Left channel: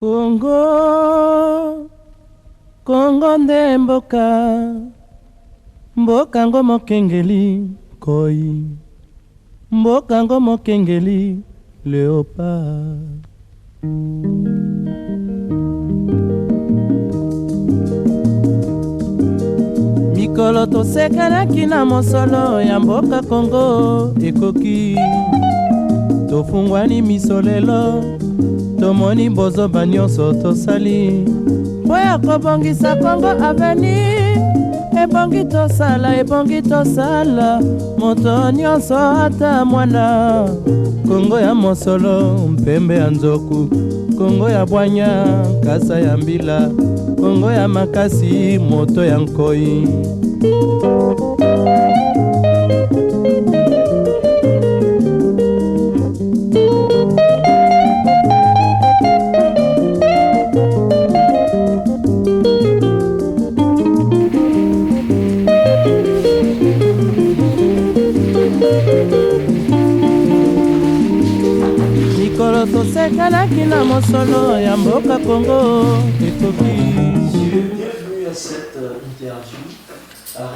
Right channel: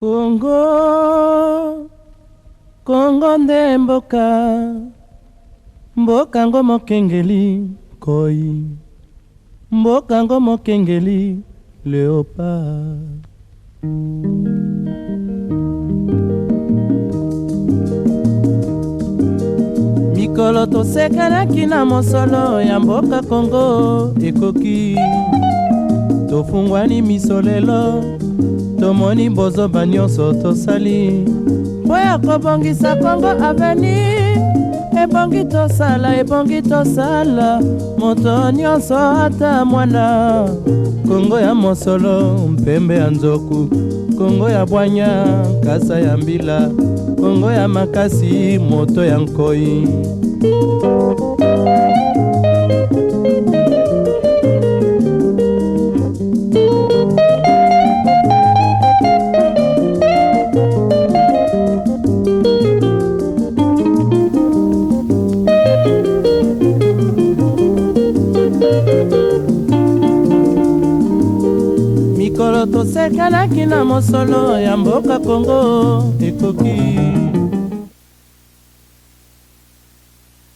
Kongo, Kongo nde mboka, mboka ngo mokengeli koi, mboka ngo mokengeli léopard. Mikolo tosekanaki na mosolo ya mboka Kongo ekoki, tofungwani miso lelo, tomoni bozoba nyonso tosali mpo ya kobongisa Kongo aveni. Ebongi tosala moto nyonso ata mwana. Kongo ya mosolo mpembe ya nzoku, Kongo ya bwanya kasa ya mbila, Kongo ya makasi moto ya nkoi. Mikolo tosekanaki na mosolo ya mboka Kongo ekoki. Bienvenue à cette interview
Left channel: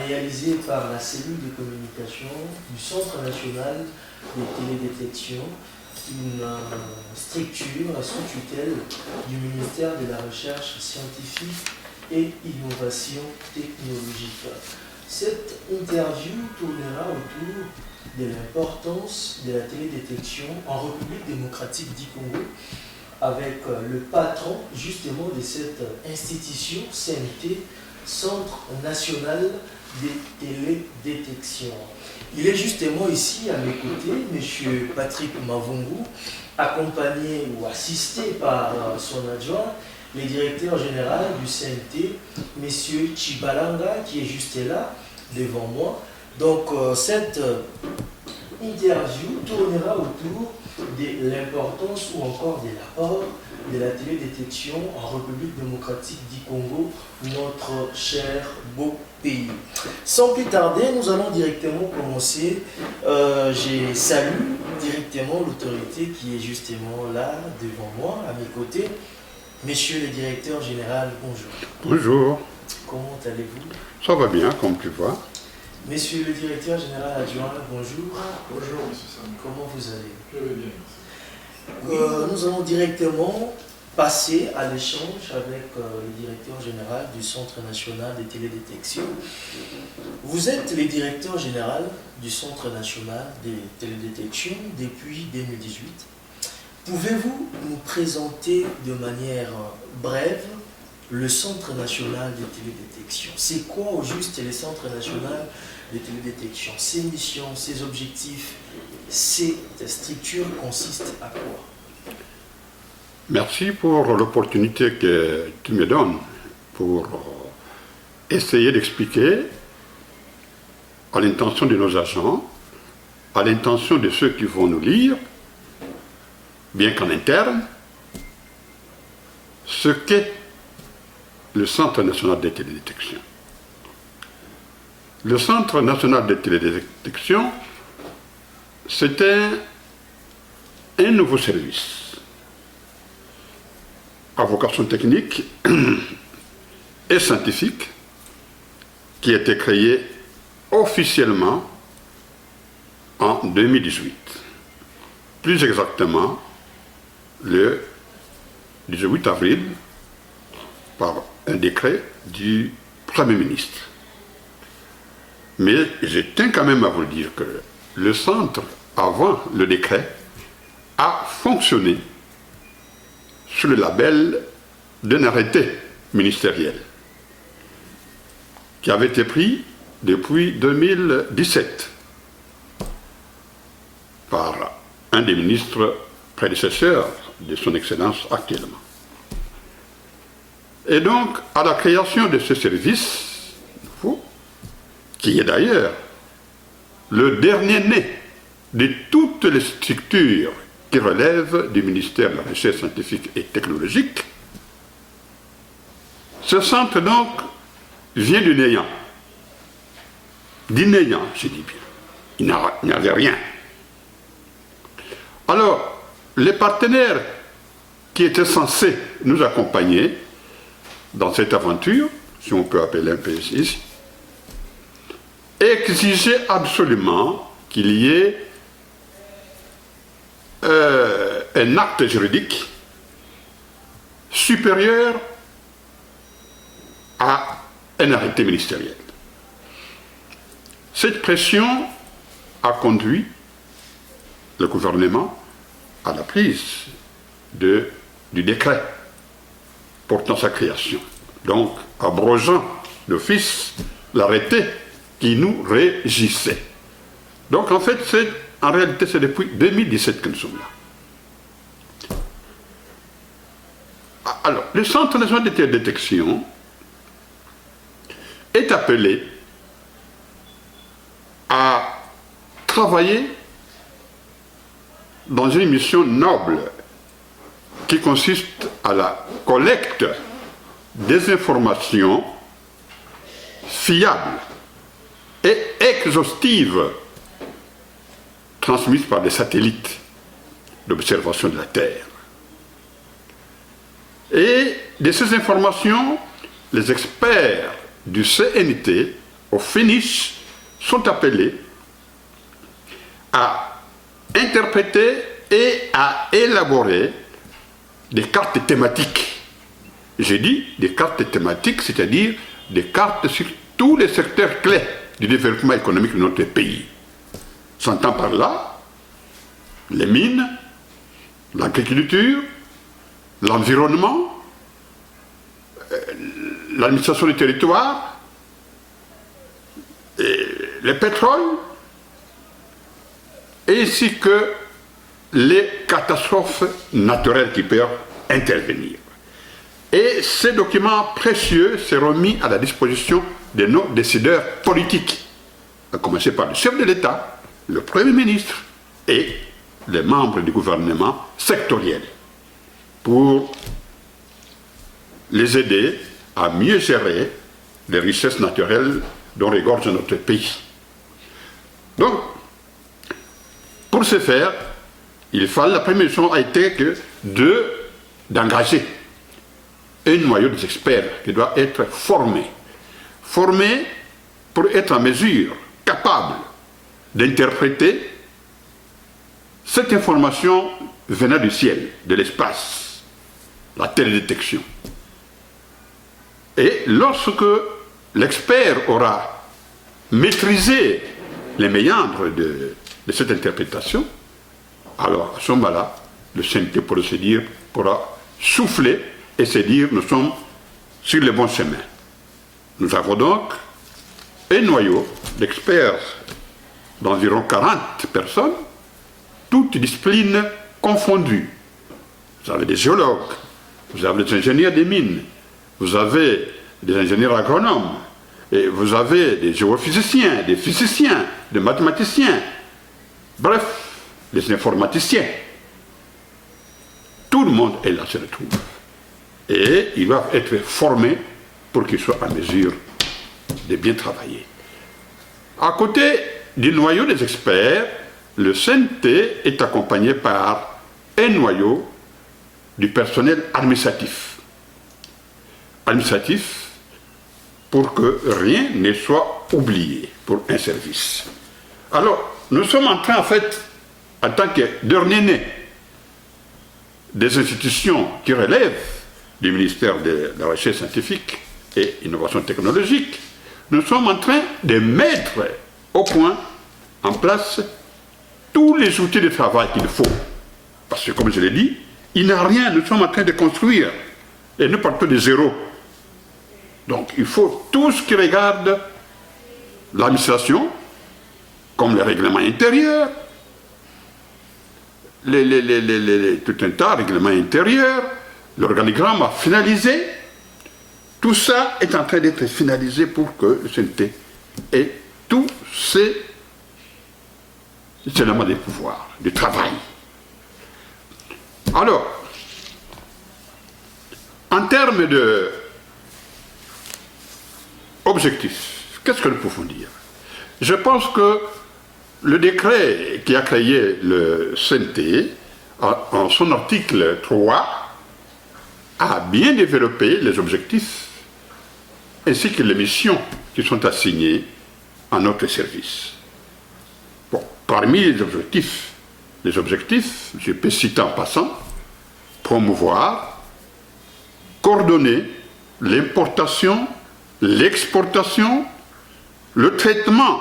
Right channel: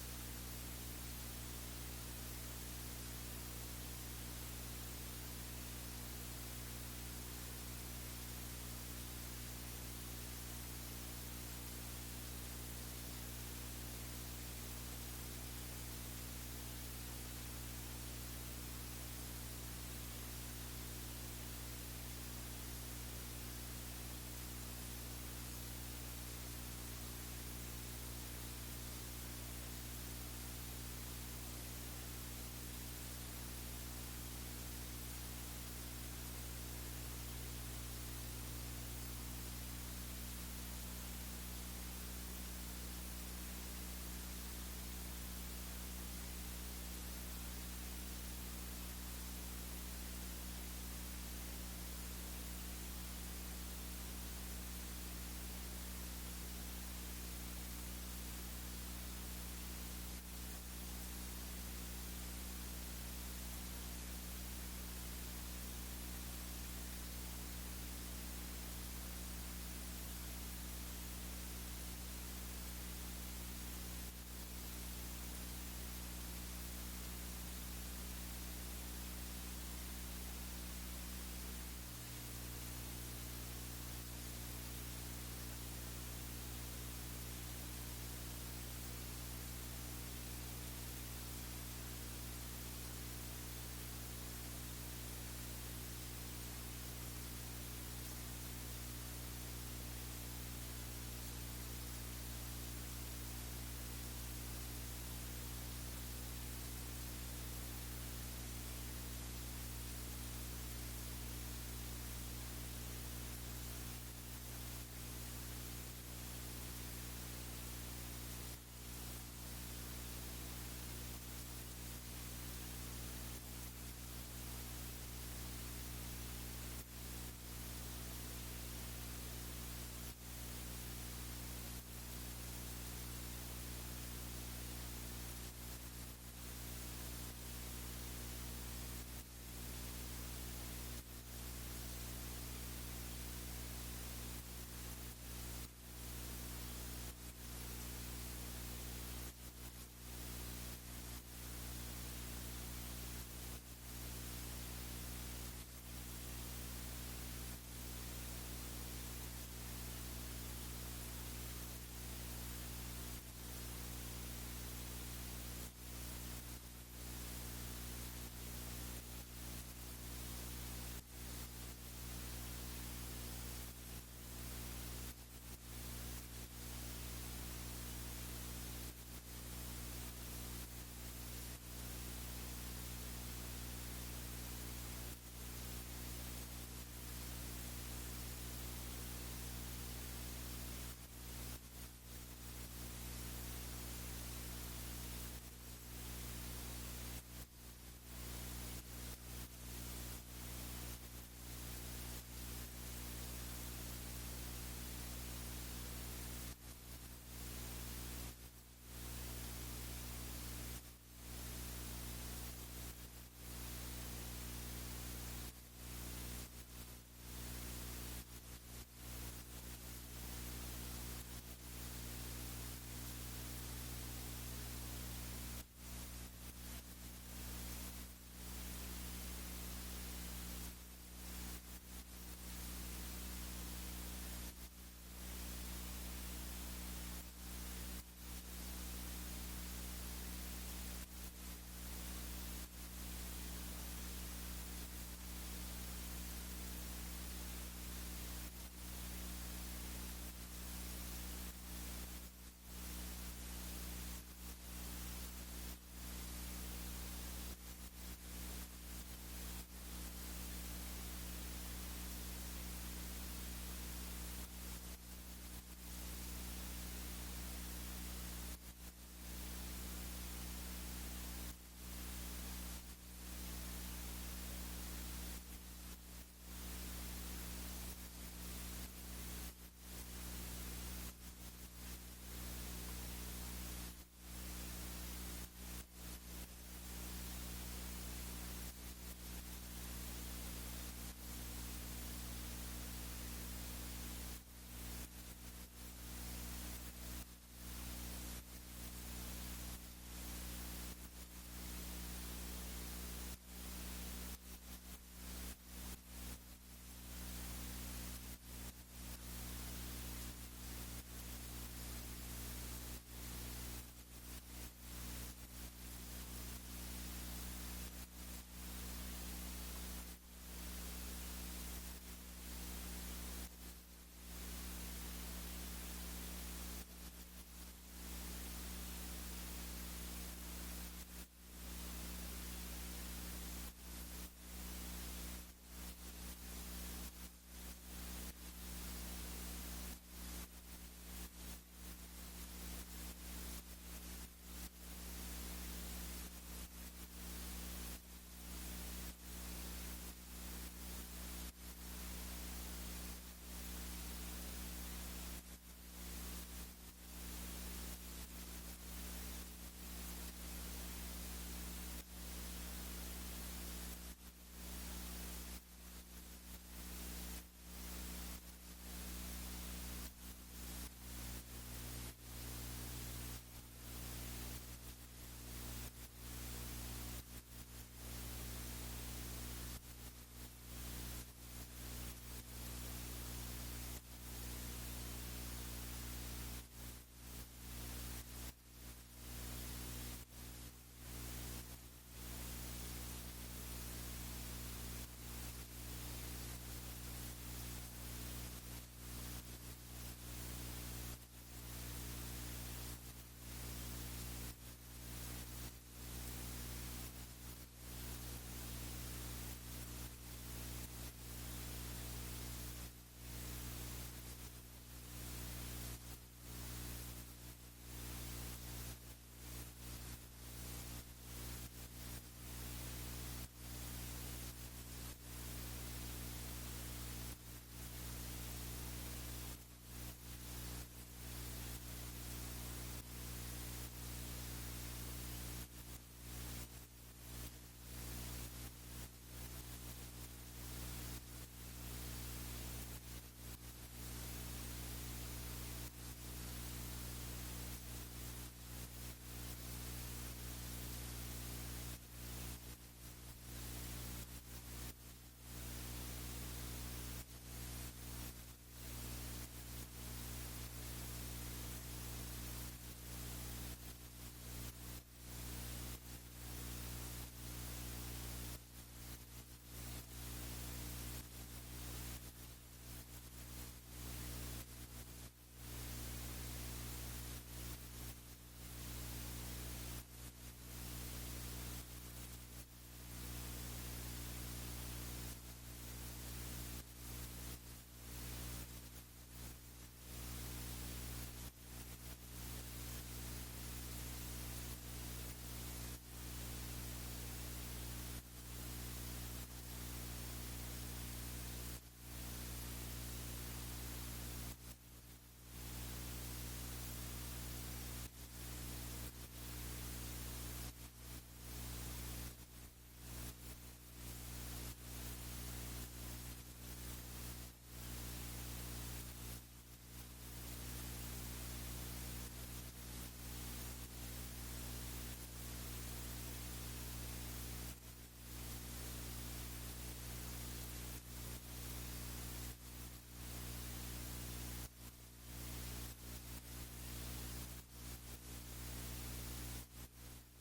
réalisée par la cellule de communication du Centre national de télédétection, une structure sous tutelle du ministère de la Recherche scientifique et innovation technologique. Cette interview tournera autour de l'importance de la télédétection en République démocratique du Congo, avec le patron justement de cette institution, CNT, Centre national de télédétection. Il est justement ici à mes côtés, M. Patrick Mavungu, accompagné ou assisté par son adjoint, le directeur général du CNT, M. Chibalanga, qui est juste là, devant moi. Donc cette interview tournera autour de l'importance ou encore de l'apport de la télédétection en République démocratique du Congo, notre cher beau pays. Sans plus tarder, nous allons directement commencer. Je salue directement l'autorité qui est justement là devant moi, à mes côtés. Monsieur le directeur général, bonjour. Bonjour. Comment allez-vous? Ça va bien, comme tu vois. Monsieur le directeur général adjoint, bonjour. Bonjour, monsieur Sam. Comment vous allez? Je vais bien. Nous allons directement passer à l'échange avec le directeur général du Centre national de télédétection. Vous êtes le directeur général du Centre national de télédétection depuis 2018. Pouvez-vous nous présenter de manière brève le Centre national de télédétection? C'est quoi au juste le Centre national de télédétection? Ses missions, ses objectifs, cette structure consiste à quoi? Merci pour l'opportunité que tu me donnes pour essayer d'expliquer à l'intention de nos agents, à l'intention de ceux qui vont nous lire, bien qu'en interne, ce qu'est le Centre national de télédétection. Le Centre national de télédétection, c'est un nouveau service à vocation technique et scientifique qui a été créé officiellement en 2018. Plus exactement, le 18 avril, par un décret du Premier ministre. Mais je tiens quand même à vous dire que le centre, avant le décret, a fonctionné sous le label d'un arrêté ministériel qui avait été pris depuis 2017 par un des ministres prédécesseurs de son Excellence actuellement. Et donc, à la création de ce service, qui est d'ailleurs le dernier né de toutes les structures qui relèvent du ministère de la Recherche scientifique et technologique, ce centre donc vient du néant. Du néant, je dis bien. Il n'y avait rien. Alors, les partenaires qui était censé nous accompagner dans cette aventure, si on peut appeler un peu ici, exigeait absolument qu'il y ait un acte juridique supérieur à un arrêté ministériel. Cette pression a conduit le gouvernement à la prise du décret portant sa création, donc abrogeant d'office l'arrêté qui nous régissait. Donc en fait, en réalité, c'est depuis 2017 que nous sommes là. Alors, le Centre national de télédétection est appelé à travailler dans une mission noble qui consiste à la collecte des informations fiables et exhaustives transmises par des satellites d'observation de la Terre. Et de ces informations, les experts du CNT au finish sont appelés à interpréter et à élaborer des cartes thématiques. J'ai dit des cartes thématiques, c'est-à-dire des cartes sur tous les secteurs clés du développement économique de notre pays. S'entend par là les mines, l'agriculture, l'environnement, l'administration du territoire, et le pétrole, ainsi que les catastrophes naturelles qui peuvent intervenir. Et ces documents précieux seront mis à la disposition de nos décideurs politiques, à commencer par le chef de l'État, le Premier ministre et les membres du gouvernement sectoriel, pour les aider à mieux gérer les richesses naturelles dont regorge notre pays. Donc, pour ce faire, la première chose a été d'engager un noyau d'experts qui doit être formé pour être en mesure, capable d'interpréter cette information venant du ciel, de l'espace, la télédétection. Et lorsque l'expert aura maîtrisé les méandres de cette interprétation, alors à ce moment-là, le CNT pourra souffler et se dire nous sommes sur le bon chemin. Nous avons donc un noyau d'experts d'environ 40 personnes, toutes disciplines confondues. Vous avez des géologues, vous avez des ingénieurs des mines, vous avez des ingénieurs agronomes, et vous avez des géophysiciens, des physiciens, des mathématiciens, bref, des informaticiens. Tout le monde est là, se retrouve. Et ils doivent être formés pour qu'ils soient en mesure de bien travailler. À côté du noyau des experts, le CNT est accompagné par un noyau du personnel administratif. Administratif pour que rien ne soit oublié pour un service. Alors, nous sommes en train, en fait, en tant que dernier né des institutions qui relèvent du ministère de la Recherche scientifique et innovation technologique, nous sommes en train de mettre au point, en place, tous les outils de travail qu'il faut. Parce que, comme je l'ai dit, il n'y a rien, nous sommes en train de construire. Et nous partons de zéro. Donc, il faut tout ce qui regarde l'administration, comme les règlements intérieurs, tout un tas de règlements intérieurs, l'organigramme à finaliser. Tout ça est en train d'être finalisé pour que le CNT ait tous ces éléments de pouvoir, de travail. Alors, en termes d'objectifs, qu'est-ce que nous pouvons dire? Je pense que le décret qui a créé le CNT, en son article 3, à bien développer les objectifs ainsi que les missions qui sont assignées à notre service. Bon, parmi les objectifs, je peux citer en passant, promouvoir, coordonner l'importation, l'exportation, le traitement,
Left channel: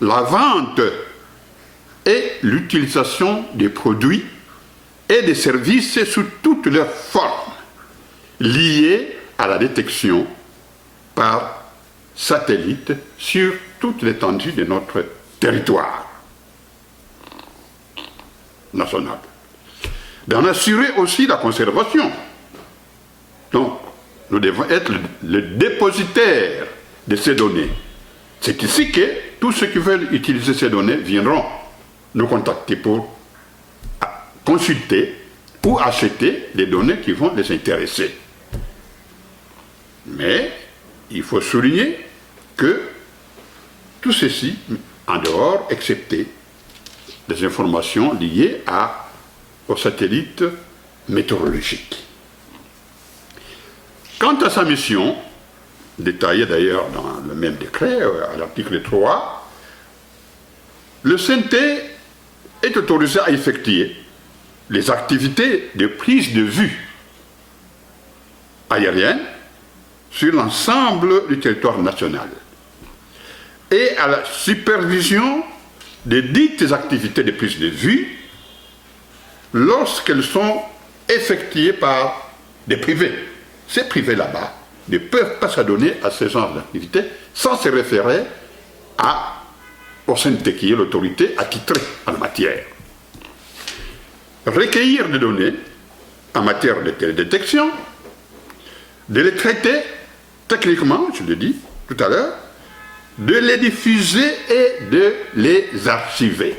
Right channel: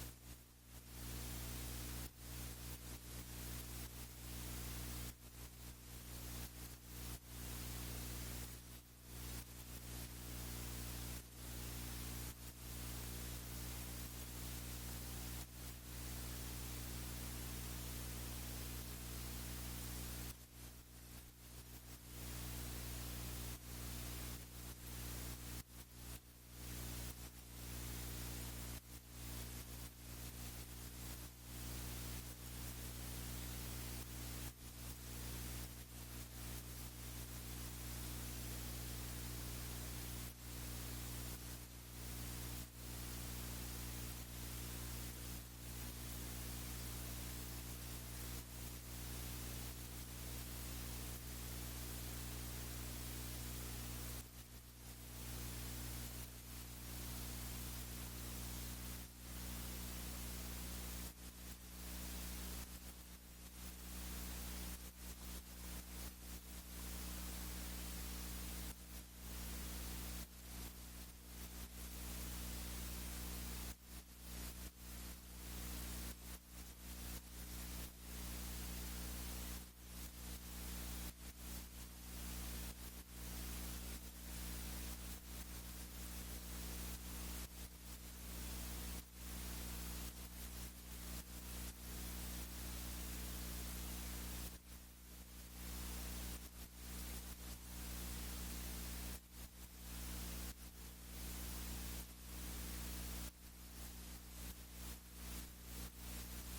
la vente et l'utilisation des produits et des services sous toutes leurs formes liées à la détection par satellite sur toute l'étendue de notre territoire national. D'en assurer aussi la conservation. Donc, nous devons être le dépositaire de ces données. C'est ici que tous ceux qui veulent utiliser ces données viendront nous contacter pour consulter ou acheter les données qui vont les intéresser. Mais il faut souligner que tout ceci, en dehors, excepté des informations liées aux satellites météorologiques. Quant à sa mission, détaillée d'ailleurs dans le même décret, à l'article 3, le CNT est autorisé à effectuer les activités de prise de vue aérienne sur l'ensemble du territoire national et à la supervision de dites activités de prise de vue lorsqu'elles sont effectuées par des privés. Ces privés là-bas ne peuvent pas s'adonner à ce genre d'activité sans se référer au CNT qui est l'autorité attitrée en la matière. Recueillir des données en matière de télédétection, de les traiter techniquement, je l'ai dit tout à l'heure, de les diffuser et de les archiver.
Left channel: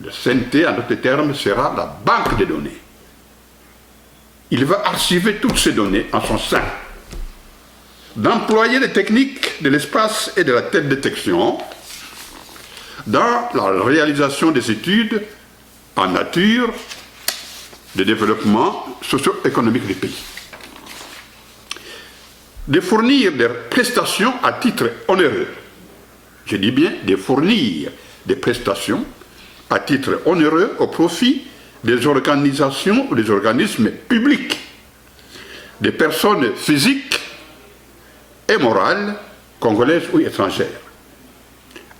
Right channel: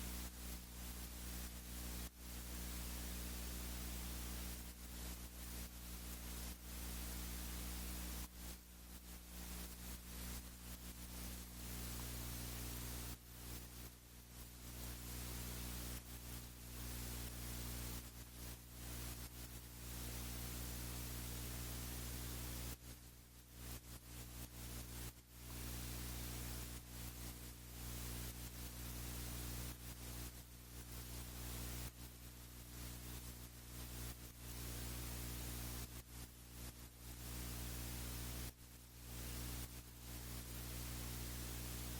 Le CNT, en d'autres termes, sera la banque des données. Il va archiver toutes ces données en son sein, d'employer les techniques de l'espace et de la télédétection dans la réalisation des études en nature de développement socio-économique du pays. De fournir des prestations à titre onéreux. Je dis bien de fournir des prestations à titre onéreux au profit des organisations ou des organismes publics, des personnes physiques et morales, congolaises ou étrangères.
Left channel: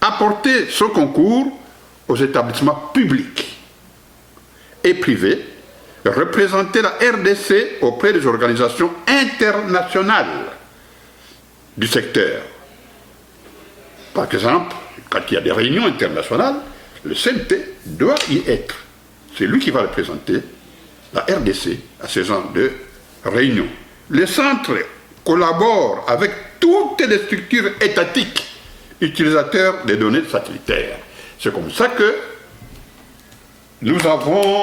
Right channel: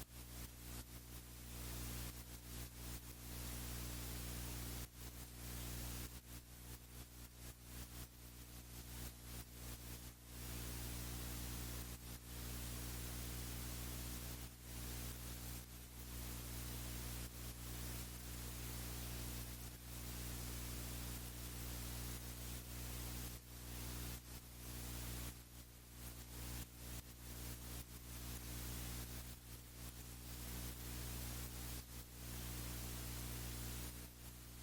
Apporter son concours aux établissements publics et privés, représenter la RDC auprès des organisations internationales du secteur. Par exemple, quand il y a des réunions internationales, le CNT doit y être. C'est lui qui va représenter la RDC à ce genre de réunions. Les centres collaborent avec toutes les structures étatiques utilisateurs des données satellitaires. C'est comme ça que nous avons,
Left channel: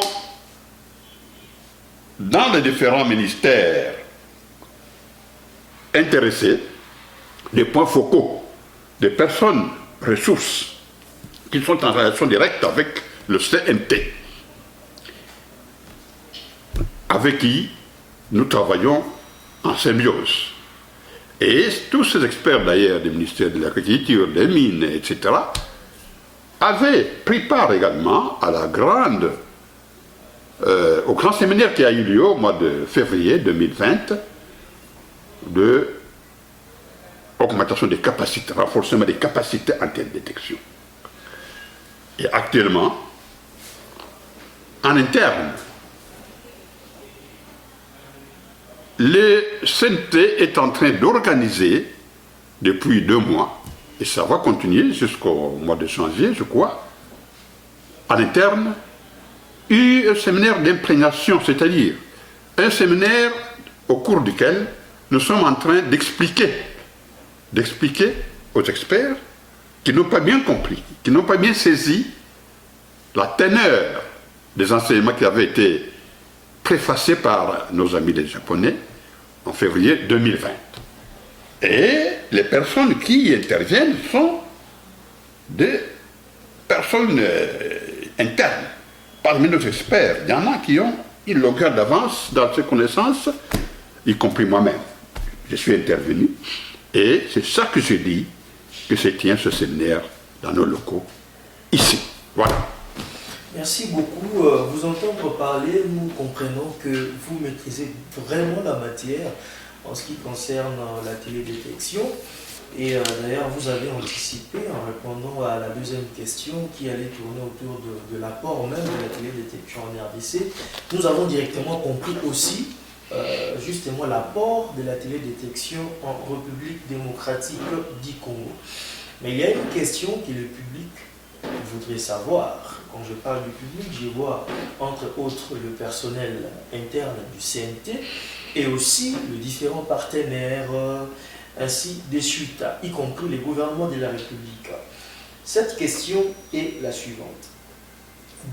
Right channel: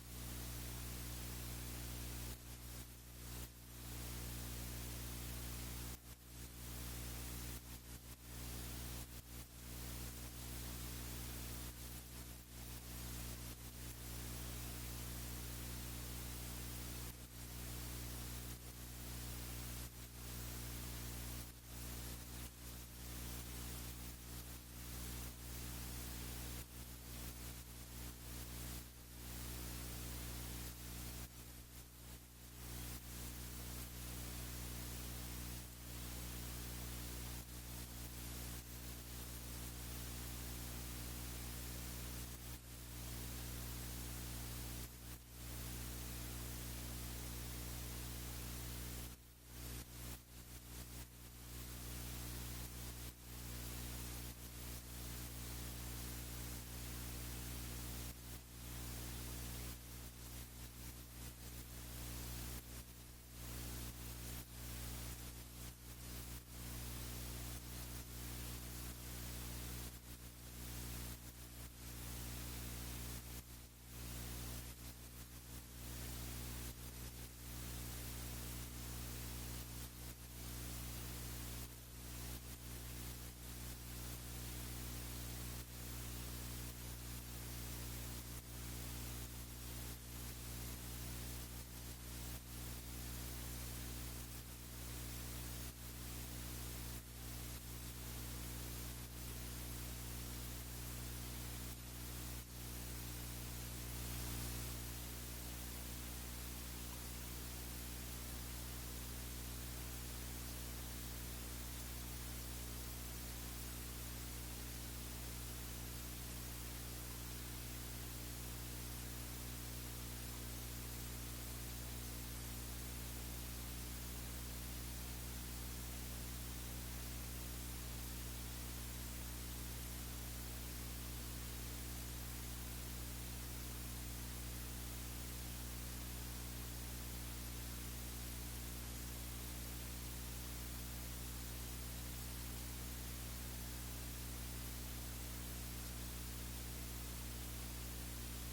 dans les différents ministères intéressés, des points focaux, des personnes ressources qui sont en relation directe avec le CNT, avec qui nous travaillons en symbiose. Et tous ces experts d'ailleurs du ministère de l'Agriculture, des Mines, etc., avaient pris part également à au grand séminaire qui a eu lieu au mois de février 2020 de augmentation des capacités, renforcement des capacités en télédétection. Et actuellement, en interne, le CNT est en train d'organiser depuis 2 mois, et ça va continuer jusqu'au mois de janvier, je crois, en interne, un séminaire d'imprégnation, c'est-à-dire un séminaire au cours duquel nous sommes en train d'expliquer aux experts qui n'ont pas bien compris, qui n'ont pas bien saisi la teneur des enseignements qui avaient été préfacés par nos amis les Japonais en février 2020. Et les personnes qui y interviennent sont des personnes internes. Parmi nos experts, il y en a qui ont une longueur d'avance dans ces connaissances y compris moi-même. Je suis intervenu et c'est ça que j'ai dit que se tient ce séminaire dans nos locaux, ici. Voilà. Merci beaucoup. Vous entendre parler, nous comprenons que vous maîtrisez vraiment la matière en ce qui concerne la télédétection. Et d'ailleurs, vous avez anticipé en répondant à la deuxième question qui allait tourner autour de l'apport même de la télédétection en RDC. Nous avons directement compris aussi justement l'apport de la télédétection en République démocratique du Congo. Mais il y a une question que le public voudrait savoir. Quand je parle du public, je vois entre autres le personnel interne du CNT et aussi les différents partenaires, ainsi de suite, y compris les gouvernements de la République. Cette question est la suivante.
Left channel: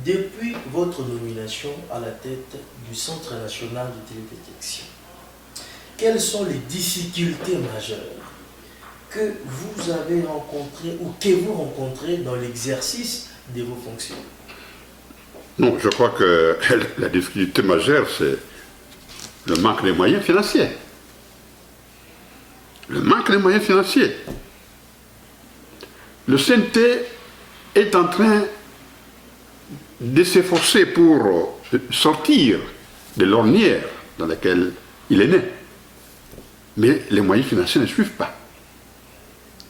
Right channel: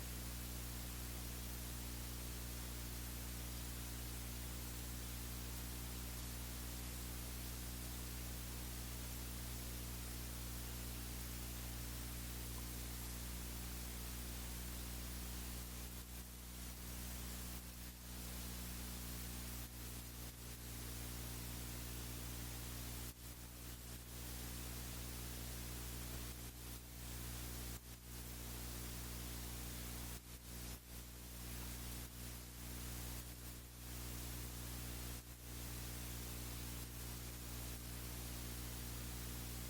Depuis votre nomination à la tête du Centre national de télédétection, quelles sont les difficultés majeures que vous avez rencontrées ou que vous rencontrez dans l'exercice de vos fonctions? Non, je crois que la difficulté majeure, c'est le manque de moyens financiers. Le manque de moyens financiers. Le CNT est en train de s'efforcer pour sortir de l'ornière dans laquelle il est né. Mais les moyens financiers ne suivent pas.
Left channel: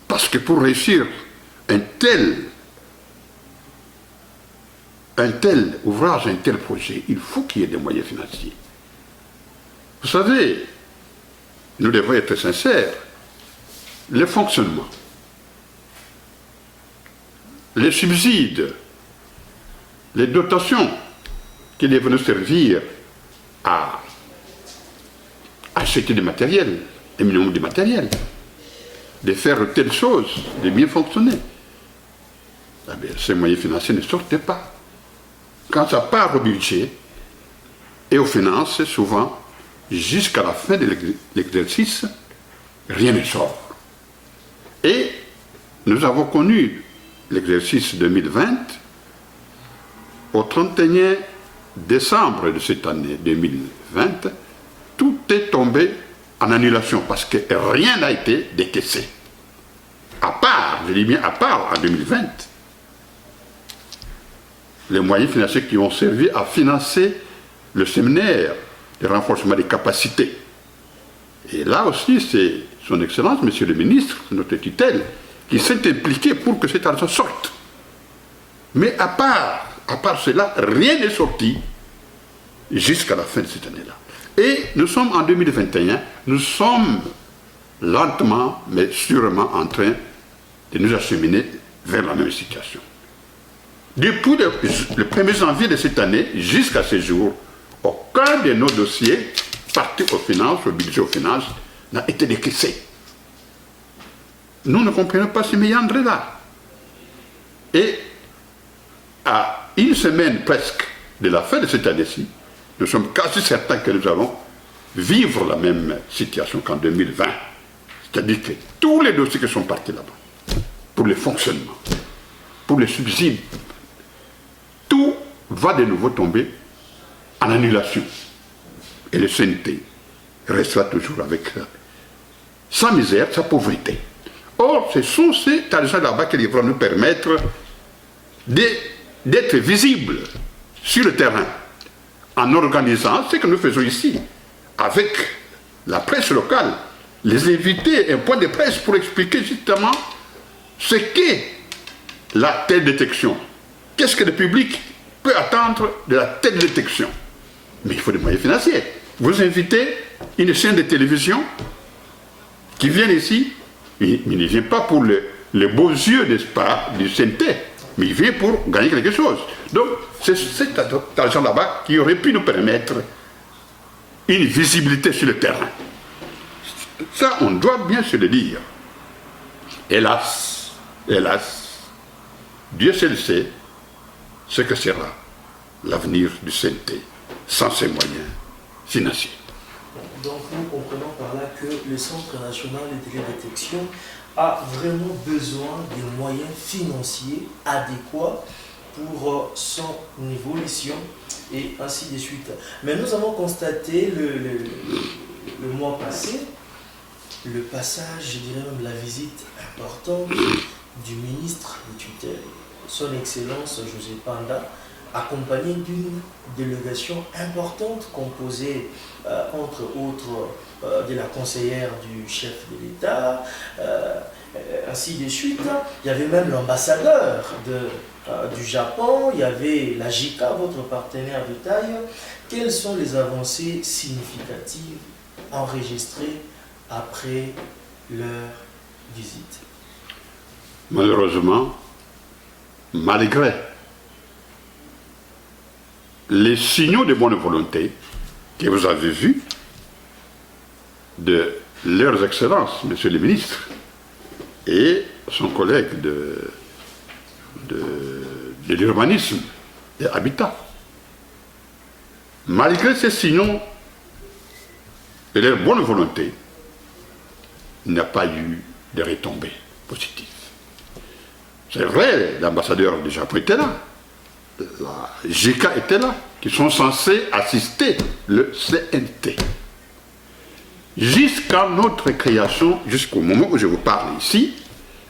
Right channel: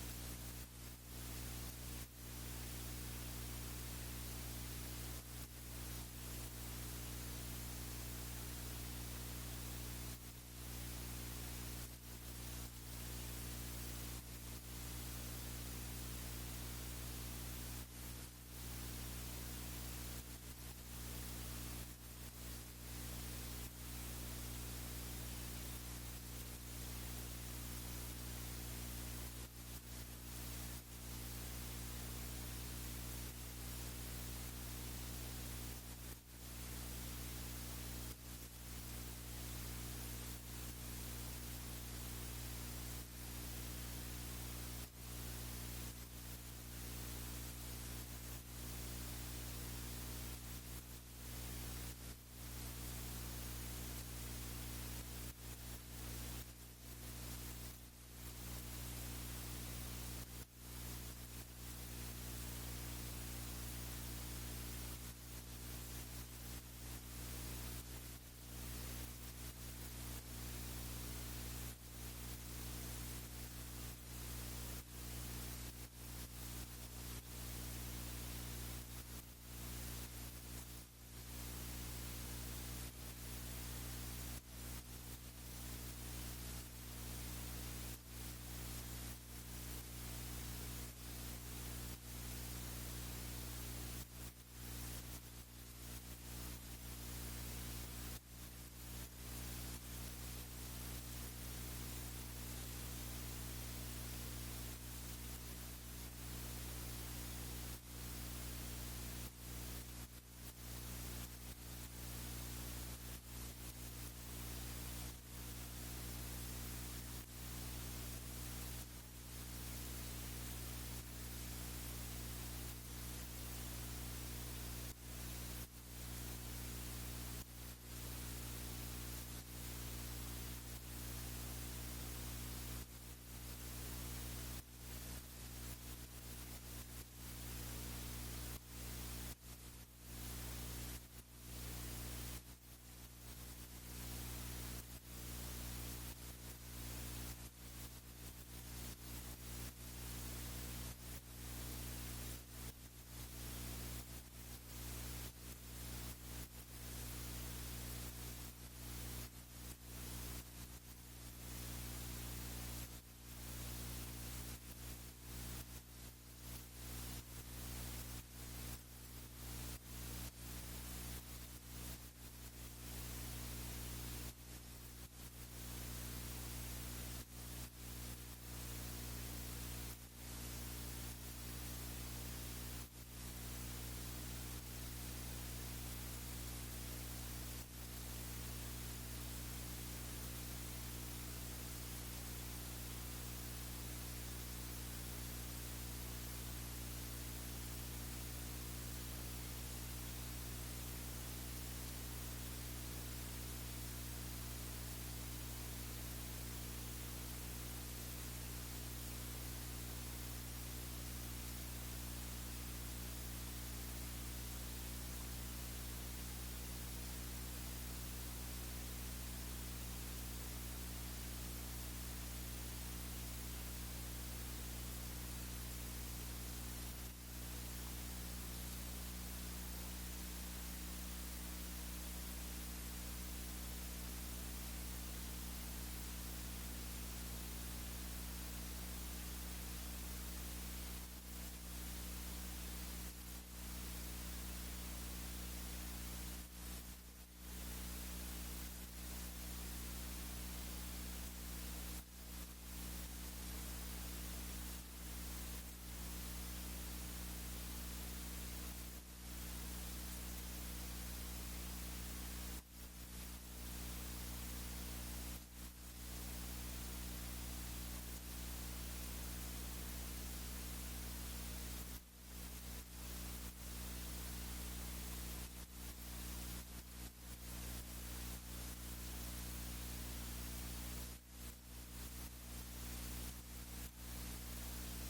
Parce que pour réussir un tel ouvrage, un tel projet, il faut qu'il y ait des moyens financiers. Vous savez, nous devons être sincères, le fonctionnement, les subsides, les dotations qui devaient nous servir à acheter du matériel, un minimum de matériel, de faire telle chose, de bien fonctionner. Eh bien, ces moyens financiers ne sortent pas. Quand ça part au budget et aux finances, souvent, jusqu'à la fin de l'exercice, rien ne sort. Et nous avons connu l'exercice 2020, au 31 décembre de cette année 2020, tout est tombé en annulation parce que rien n'a été décaissé. À part, je dis bien à part en 2020, les moyens financiers qui ont servi à financer le séminaire de renforcement des capacités. Et là aussi, c'est son Excellence, Monsieur le Ministre, notre tutelle, qui s'est impliqué pour que cet argent sorte. Mais à part cela, rien n'est sorti jusqu'à la fin de cette année-là. Et nous sommes en 2021, nous sommes lentement, mais sûrement en train de nous acheminer vers la même situation. Depuis le 1er janvier de cette année jusqu'à ce jour, aucun de nos dossiers partis aux finances, au budget aux finances, n'a été décaissé. Nous ne comprenons pas ces méandres-là. Et à une semaine presque de la fin de cette année-ci, nous sommes quasi certains que nous allons vivre la même situation qu'en 2020. C'est-à-dire que tous les dossiers qui sont partis là-bas, pour le fonctionnement, pour les subsides, tout va de nouveau tomber en annulation. Et le CNT restera toujours avec sa misère, sa pauvreté. Or, ce sont ces argents là-bas qui vont nous permettre d'être visibles sur le terrain, en organisant ce que nous faisons ici, avec la presse locale, les inviter à un point de presse pour expliquer justement ce qu'est la télédétection. Qu'est-ce que le public peut attendre de la télédétection? Mais il faut des moyens financiers. Vous invitez une chaîne de télévision qui vient ici, il ne vient pas pour les beaux yeux, n'est-ce pas, du CNT, mais il vient pour gagner quelque chose. Donc, c'est cet argent là-bas qui aurait pu nous permettre une visibilité sur le terrain. Ça, on doit bien se le dire. Hélas, Dieu seul sait ce que sera l'avenir du CNT sans ses moyens financiers. Donc nous comprenons par là que le Centre national de télédétection a vraiment besoin de moyens financiers adéquats pour son évolution et ainsi de suite. Mais nous avons constaté le mois passé, le passage, je dirais même la visite importante du ministre des tutelles, son Excellence José Panda, accompagné d'une délégation importante composée, entre autres, de la conseillère du chef de l'État, ainsi de suite. Il y avait même l'ambassadeur du Japon, il y avait la JICA, votre partenaire de taille. Quelles sont les avancées significatives enregistrées après leur visite? Malheureusement, malgré les signaux de bonne volonté que vous avez vus de leurs excellences, Monsieur le ministre, et son collègue de l'urbanisme et habitat. Malgré ces signaux et leur bonne volonté, il n'y a pas eu de retombées positives. C'est vrai, l'ambassadeur du Japon était là, la JICA était là, qui sont censés assister le CNT. Jusqu'à notre création, jusqu'au moment où je vous parle ici,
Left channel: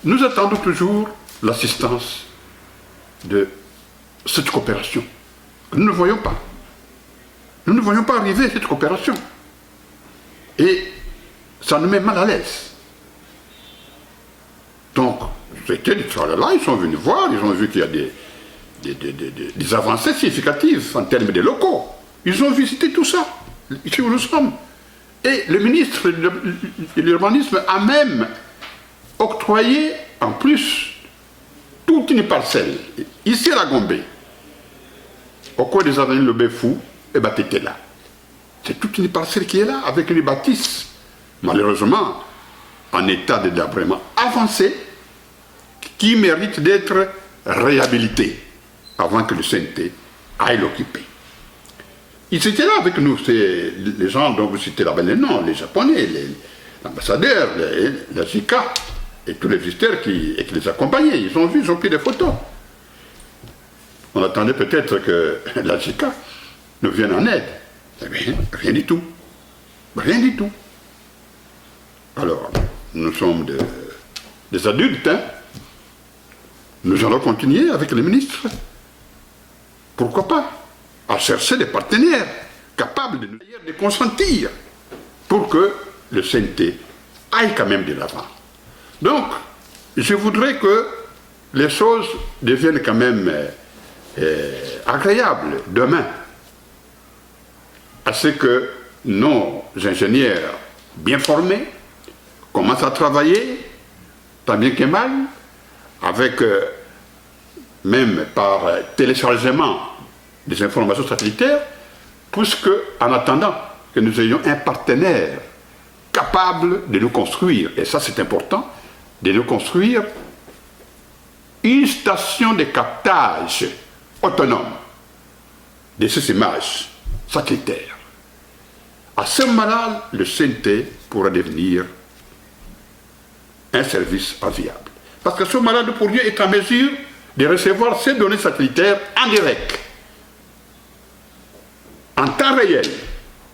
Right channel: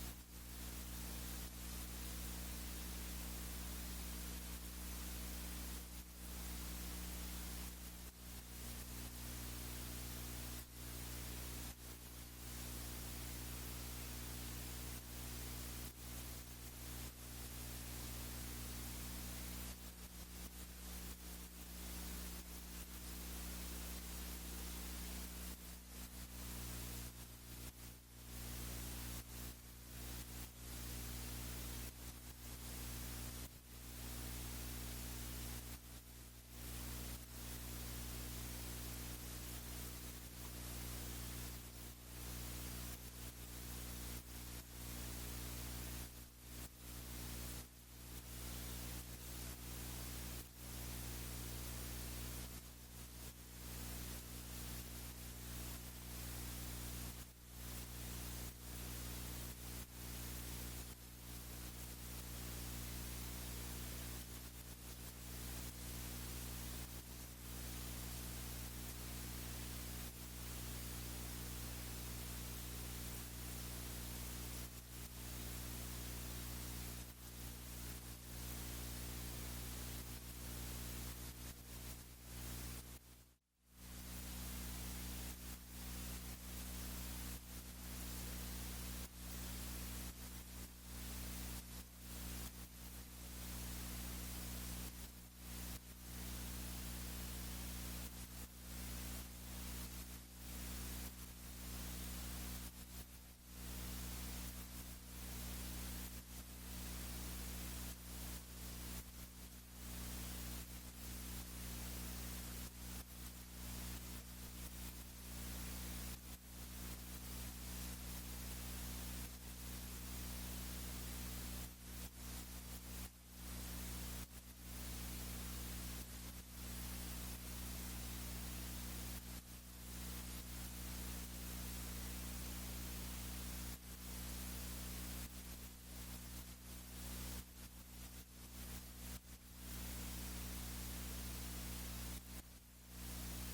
nous attendons toujours l'assistance de cette coopération. Nous ne voyons pas. Nous ne voyons pas arriver cette coopération. Et ça nous met mal à l'aise. Donc, c'était du travail là, ils sont venus voir, ils ont vu qu'il y a des avancées significatives en termes de locaux. Ils ont visité tout ça, ici où nous sommes. Et le ministre de l'urbanisme a même octroyé, en plus, toute une parcelle, ici à la Gombe, au coin des avenues Le Béfou, et bien tu étais là. C'est toute une parcelle qui est là, avec une bâtisse, malheureusement, en état de délabrement avancé, qui mérite d'être réhabilitée avant que le CNT aille l'occuper. Ils étaient là avec nous, c'est les gens dont vous citez là-bas les noms, les Japonais, l'ambassadeur, la JICA, et tous les visiteurs qui les accompagnaient. Ils ont vu, ils ont pris des photos. On attendait peut-être que la JICA nous vienne en aide. Eh bien, rien du tout. Rien du tout. Alors, nous sommes des adultes, hein. Nous allons continuer avec les ministres. Pourquoi pas? À chercher des partenaires capables de consentir pour que le CNT aille quand même de l'avant. Donc, je voudrais que les choses deviennent quand même agréables demain, à ce que nos ingénieurs bien formés commencent à travailler, tant bien que mal, avec même par téléchargement des informations satellitaires, puisque en attendant que nous ayons un partenaire capable de nous construire, et ça c'est important, de nous construire une station de captage autonome de ces images satellitaires. À ce moment-là, le CNT pourra devenir un service enviable. Parce que ce moment-là, nous pourrions être en mesure de recevoir ces données satellitaires en direct. En temps réel,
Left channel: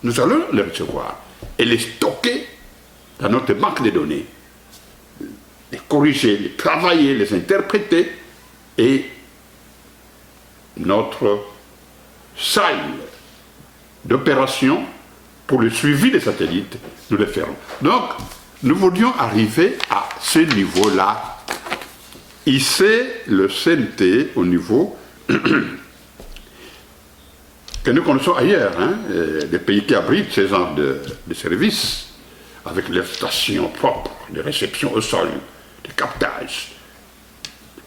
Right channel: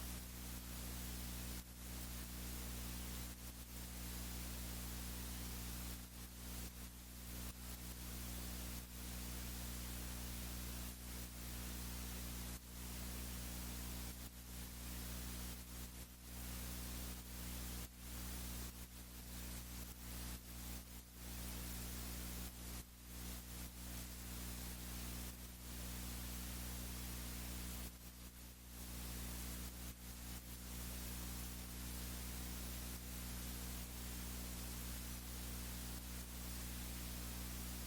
nous allons les recevoir et les stocker dans notre banque de données, les corriger, les travailler, les interpréter, et notre salle d'opération pour le suivi des satellites, nous le ferons. Donc, nous voulions arriver à ce niveau-là, hisser le CNT au niveau que nous connaissons ailleurs, hein, des pays qui abritent ces genres de services, avec leurs stations propres, de réception au sol, de captage,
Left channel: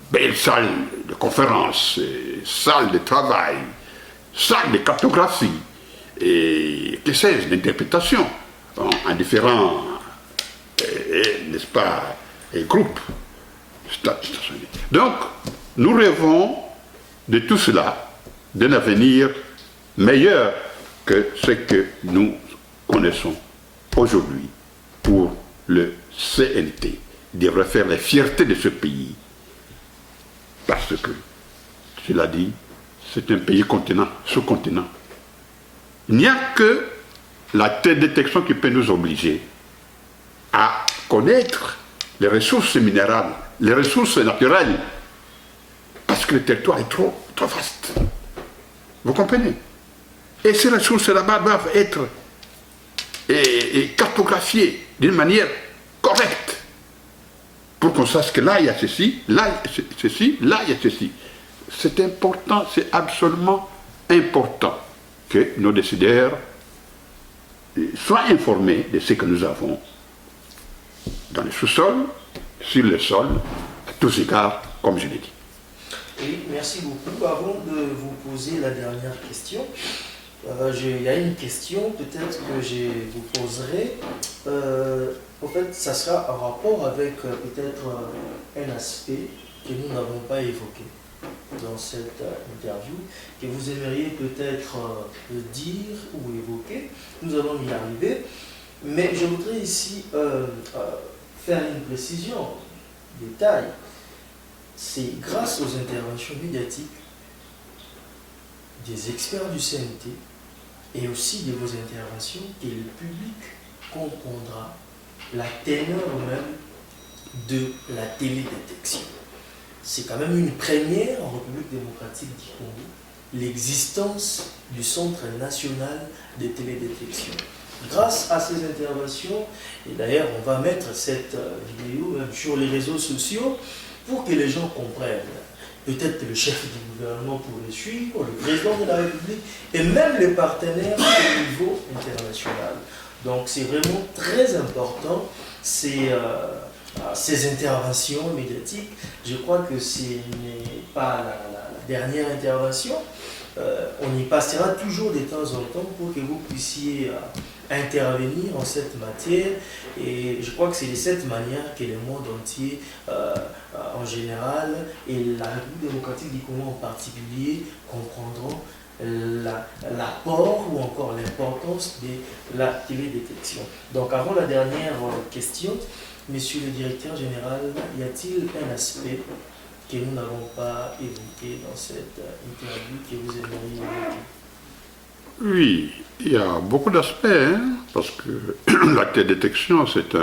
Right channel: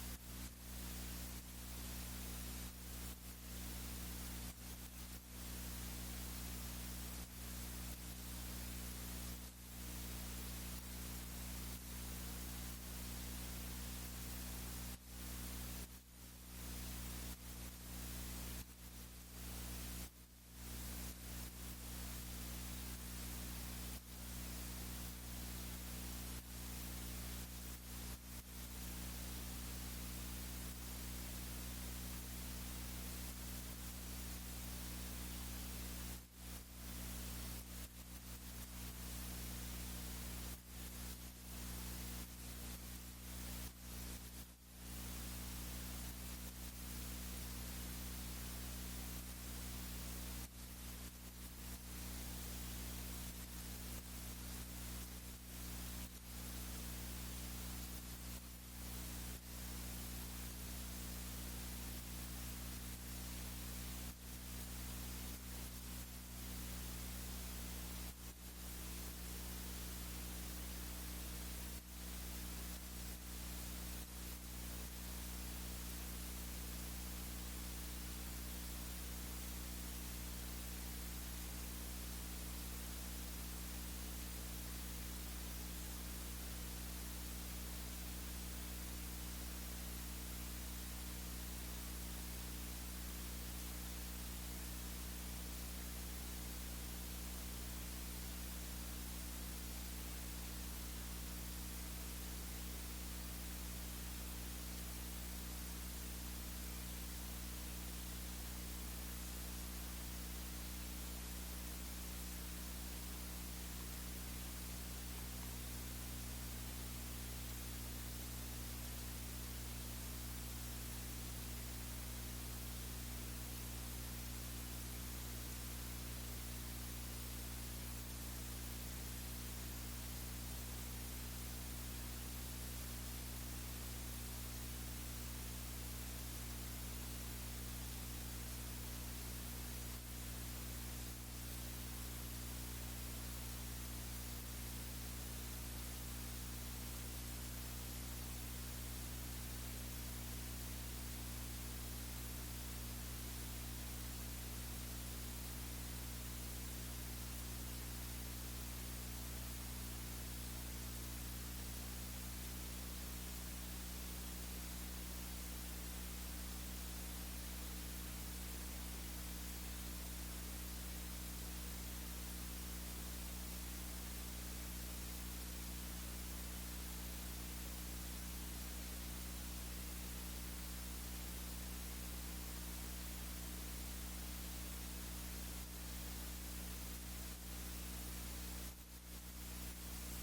belles salles de conférences, salles de travail, salles de cartographie, et que sais-je, d'interprétation, en différents, n'est-ce pas, groupes stationnés. Donc, nous rêvons de tout cela, d'un avenir meilleur que ce que nous connaissons aujourd'hui pour le CNT. Il devrait faire la fierté de ce pays, parce que, cela dit, c'est un pays continent, sous-continent. Il n'y a que la télédétection qui peut nous obliger à connaître les ressources minérales, les ressources naturelles, parce que le territoire est trop vaste. Vous comprenez? Et ces ressources là-bas doivent être cartographiées d'une manière correcte, pour qu'on sache que là il y a ceci, là il y a ceci, là il y a ceci. C'est important, c'est absolument important que nos décideurs soient informés de ce que nous avons dans le sous-sol, sur le sol, à tous égards, comme je l'ai dit. Oui, merci beaucoup. Avant de vous poser la dernière question, il y a une question peut-être que je vous poserai. En fait, ça sera en rapport avec peut-être un aspect que nous n'avons pas évoqué dans cette interview, que vous aimeriez peut-être dire ou évoquer. Nous allons y arriver. Mais je voudrais ici faire une précision, détail. C'est grâce aux interventions médiatiques des experts du CNT et aussi de vos interventions que le public comprendra la teneur même de la télédétection. C'est quand même une première en République démocratique du Congo, l'existence du Centre national de télédétection. Grâce à ces interventions, et d'ailleurs on va mettre cette vidéo même sur les réseaux sociaux pour que les gens comprennent. Peut-être le chef du gouvernement pour le suivre, le président de la République et même les partenaires au niveau international. Donc c'est vraiment très important ces interventions médiatiques. Je crois que ce n'est pas la dernière intervention. On y passera toujours de temps en temps pour que vous puissiez intervenir en cette matière. Et je crois que c'est de cette manière que le monde entier, en général, et la République démocratique du Congo en particulier, comprendront l'apport ou encore l'importance de la télédétection. Donc avant la dernière question, Monsieur le directeur général, y a-t-il un aspect que nous n'avons pas évoqué dans cette interview que vous aimeriez évoquer? Oui, il y a beaucoup d'aspects, hein, parce que la télédétection, c'est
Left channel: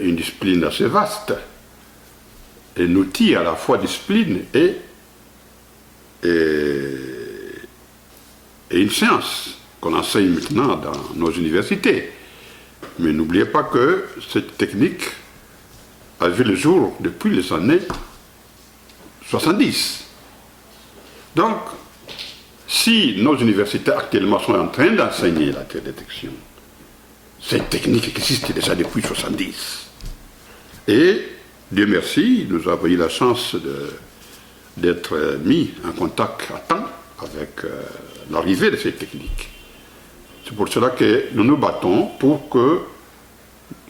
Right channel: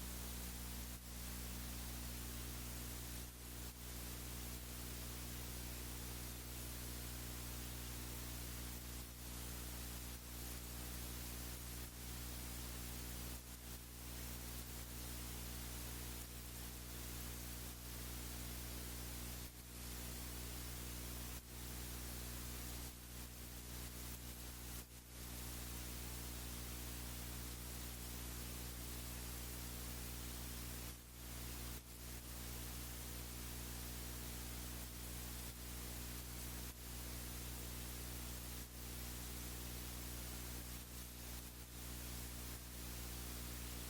une discipline assez vaste, un outil à la fois discipline et une science qu'on enseigne maintenant dans nos universités. Mais n'oubliez pas que cette technique a vu le jour depuis les années 70. Donc, si nos universités actuellement sont en train d'enseigner la télédétection, cette technique existe déjà depuis 70. Et, Dieu merci, nous avons eu la chance d'être mis en contact à temps avec l'arrivée de cette technique. C'est pour cela que nous nous battons pour que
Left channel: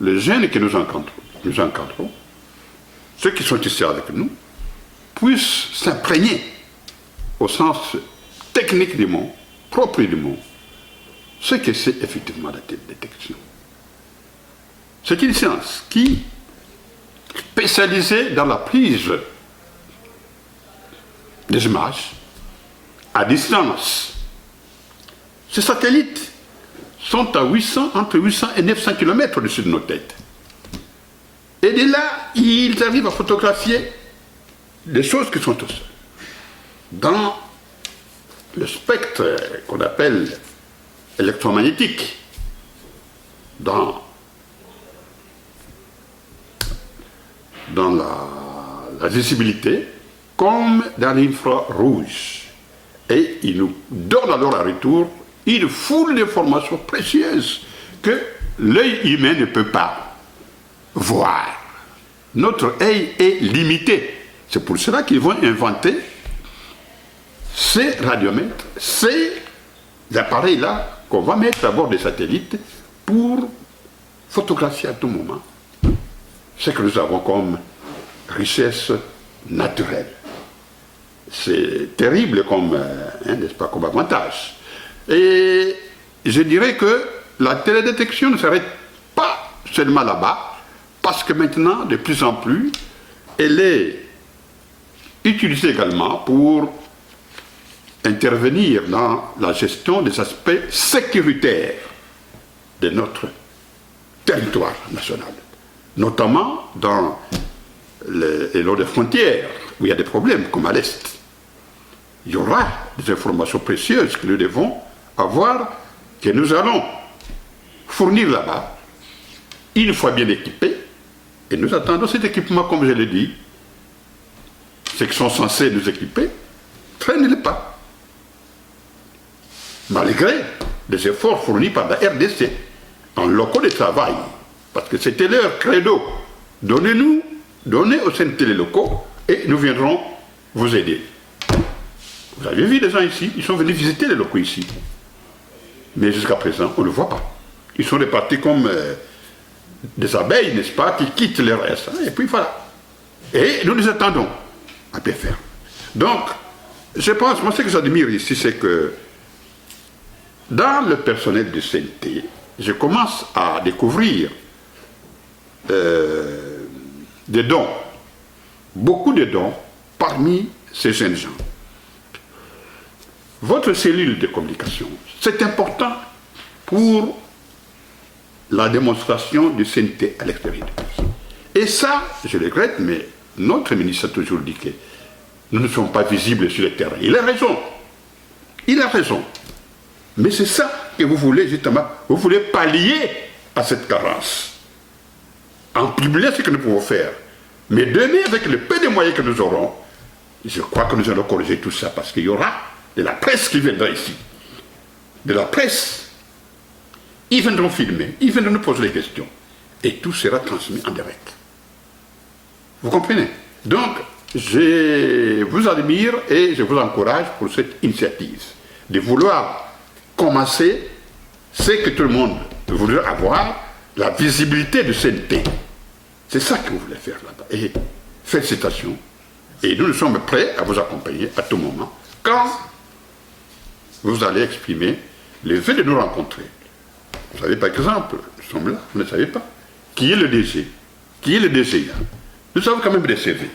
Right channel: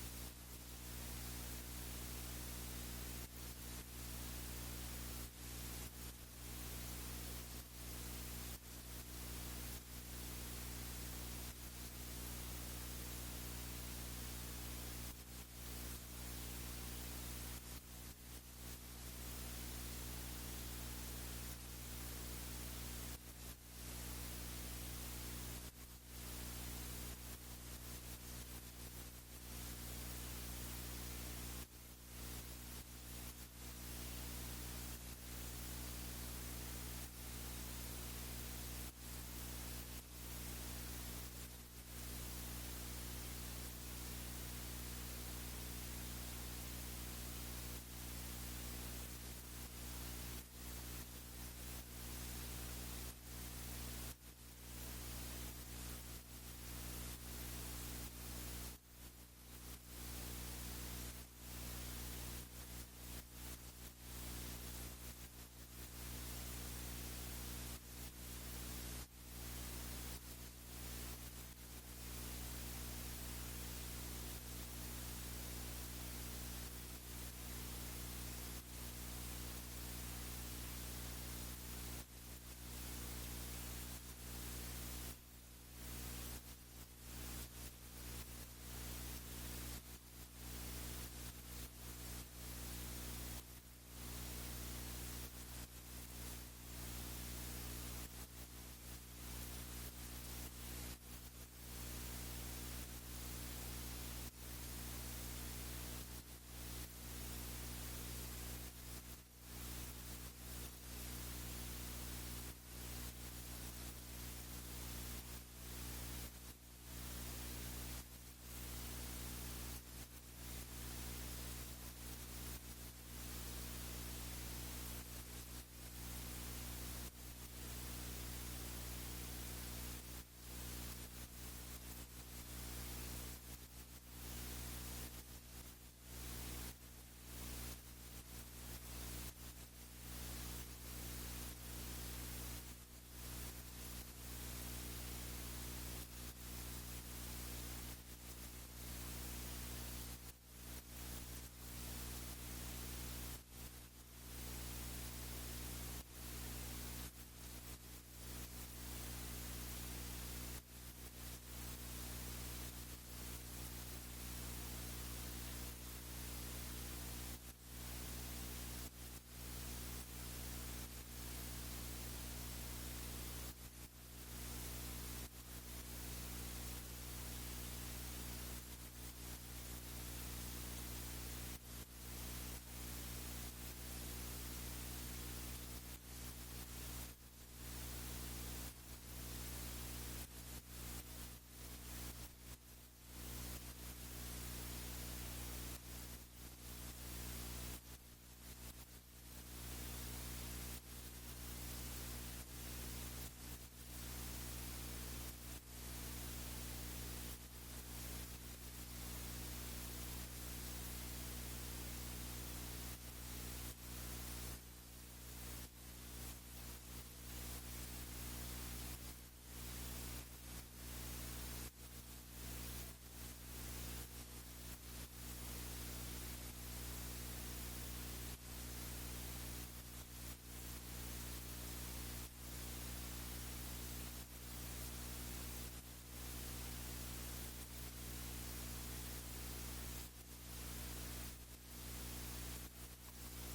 les jeunes que nous encadrons, ceux qui sont ici avec nous, puissent s'imprégner au sens technique du mot, propre du mot, ce que c'est effectivement la télédétection. C'est une science qui est spécialisée dans la prise des images à distance. Ces satellites sont à entre 800 et 900 km au-dessus de nos têtes. Et de là, ils arrivent à photographier des choses qui sont dans le spectre qu'on appelle électromagnétique, dans la visibilité, comme dans l'infrarouge. Et ils nous donnent alors à retour une foule d'informations précieuses que l'œil humain ne peut pas voir. Notre œil est limité. C'est pour cela qu'ils vont inventer ces radiomètres, ces appareils-là qu'on va mettre à bord des satellites pour photographier à tout moment ce que nous avons comme richesse naturelle. C'est terrible comme, n'est-ce pas, comme avantage. Et je dirais que la télédétection ne s'arrête pas seulement là-bas, parce que maintenant, de plus en plus, elle est utilisée également pour intervenir dans la gestion des aspects sécuritaires de notre territoire national, notamment dans les lots de frontières, où il y a des problèmes, comme à l'Est. Il y aura des informations précieuses que nous devons avoir, que nous allons fournir là-bas, une fois bien équipés, et nous attendons cet équipement, comme je l'ai dit. Ceux qui sont censés nous équiper, traînez-les pas. Malgré les efforts fournis par la RDC en locaux de travail, parce que c'était leur credo. Donnez aux CNT les locaux et nous viendrons vous aider. Vous avez vu les gens ici, ils sont venus visiter les locaux ici. Mais jusqu'à présent, on ne le voit pas. Ils sont répartis comme des abeilles, n'est-ce pas, qui quittent leur reste. Et puis voilà. Et nous les attendons à pied ferme. Donc, je pense, moi ce que j'admire ici, c'est que dans le personnel du CNT, je commence à découvrir des dons, beaucoup de dons parmi ces jeunes gens. Votre cellule de communication, c'est important pour la démonstration du CNT à l'extérieur. Et ça, je le regrette, mais notre ministre a toujours dit que nous ne sommes pas visibles sur le terrain. Il a raison. Il a raison. Mais c'est ça que vous voulez, justement. Vous voulez pallier à cette carence. En publier ce que nous pouvons faire. Mais demain, avec le peu de moyens que nous aurons, je crois que nous allons corriger tout ça, parce qu'il y aura de la presse qui viendra ici. De la presse. Ils viendront filmer, ils viendront nous poser des questions. Et tout sera transmis en direct. Vous comprenez? Donc, je vous admire et je vous encourage pour cette initiative de vouloir commencer ce que tout le monde voudrait avoir, la visibilité du CNT. C'est ça que vous voulez faire là-bas. Et félicitations. Et nous sommes prêts à vous accompagner à tout moment quand vous allez exprimer le fait de nous rencontrer. Vous savez, par exemple, nous sommes là, vous ne savez pas. Qui est le DG? Qui est le DGA? Nous avons quand même des CV.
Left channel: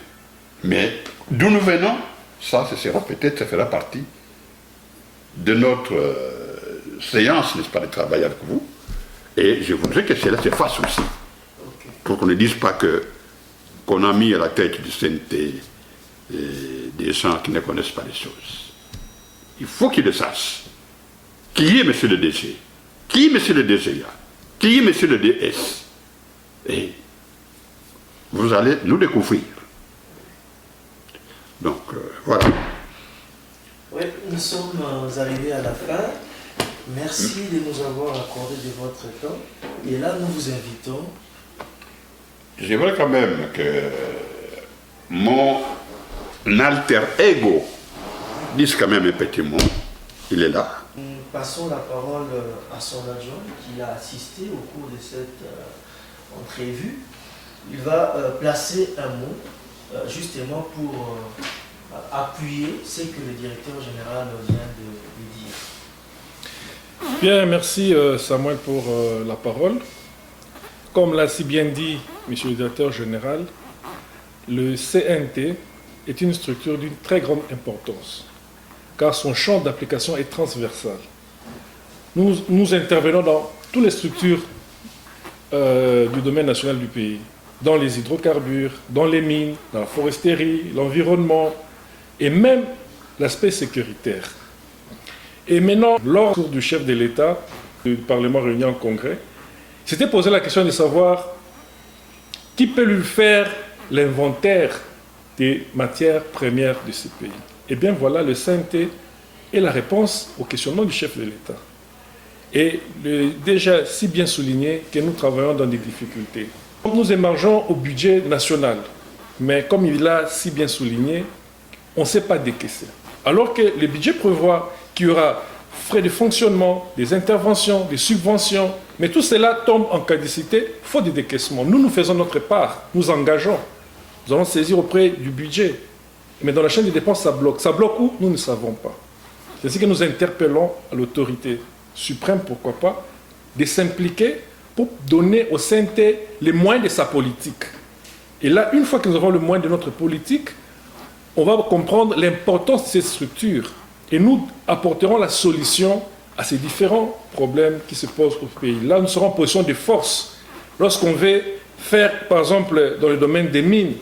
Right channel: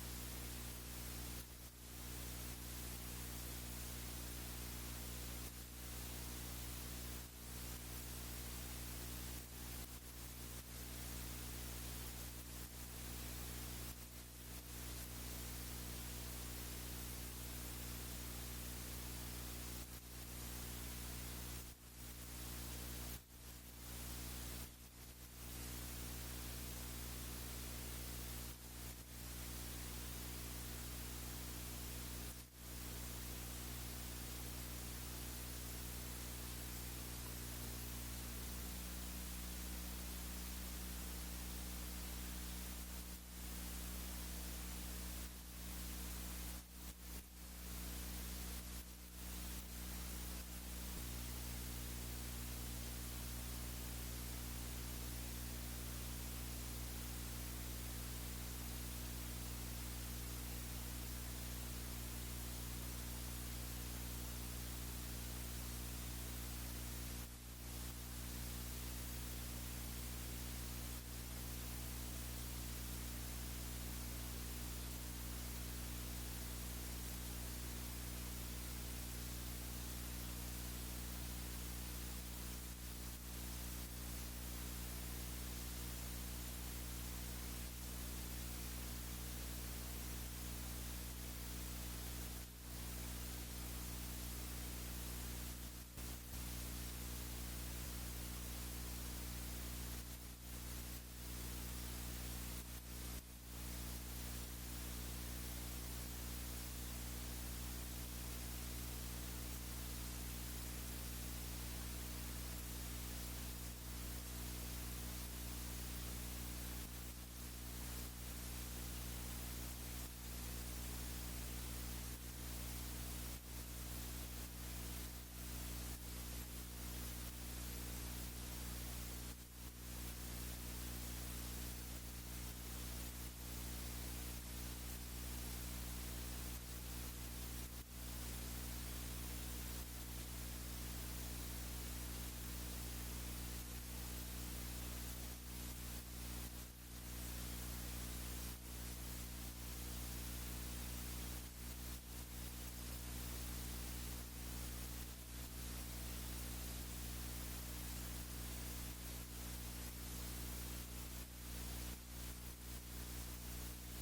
Mais d'où nous venons, ça fera partie de notre séance, n'est-ce pas, de travail avec vous. Et je voudrais que cela se fasse aussi. Pour qu'on ne dise pas qu'on a mis à la tête du CNT des gens qui ne connaissent pas les choses. Il faut qu'ils le sachent. Qui est monsieur le DG? Qui est monsieur le DGA? Qui est monsieur le DS? Et vous allez nous découvrir. Donc, voilà. Oui, nous sommes arrivés à la fin. Merci de nous avoir accordé de votre temps. Et là, nous vous invitons. J'aimerais quand même que mon alter ego dise quand même un petit mot. Il est là. Nous passons la parole à son adjoint qui a assisté au cours de cette entrevue. Il va placer un mot justement pour appuyer ce que le directeur général vient de dire. Bien, merci Samuel pour la parole. Comme l'a si bien dit Monsieur le directeur général, le CNT est une structure d'une très grande importance, car son champ d'application est transversal. Nous intervenons dans toutes les structures du domaine national du pays, dans les hydrocarbures, dans les mines, dans la foresterie, l'environnement et même l'aspect sécuritaire. Et maintenant, lors du chef de l'État, du Parlement réuni en congrès, s'était posé la question de savoir qui peut lui faire l'inventaire des matières premières de ce pays. Eh bien voilà, le CNT est la réponse au questionnement du chef de l'État. Et déjà si bien souligné que nous travaillons dans des difficultés. Nous émargeons au budget national, mais comme il l'a si bien souligné, on ne sait pas décaisser. Alors que le budget prévoit qu'il y aura frais de fonctionnement, des interventions, des subventions, mais tout cela tombe en caducité, faute de décaissement. Nous faisons notre part, nous engageons. Nous allons saisir auprès du budget. Mais dans la chaîne des dépenses, ça bloque. Ça bloque où? Nous ne savons pas. C'est ce que nous interpellons à l'autorité suprême, pourquoi pas, de s'impliquer pour donner au CNT les moyens de sa politique. Et là, une fois que nous aurons le moyen de notre politique, on va comprendre l'importance de ces structures. Et nous apporterons la solution à ces différents problèmes qui se posent au pays. Là, nous serons en position de force. Lorsqu'on veut faire, par exemple, dans le domaine des mines,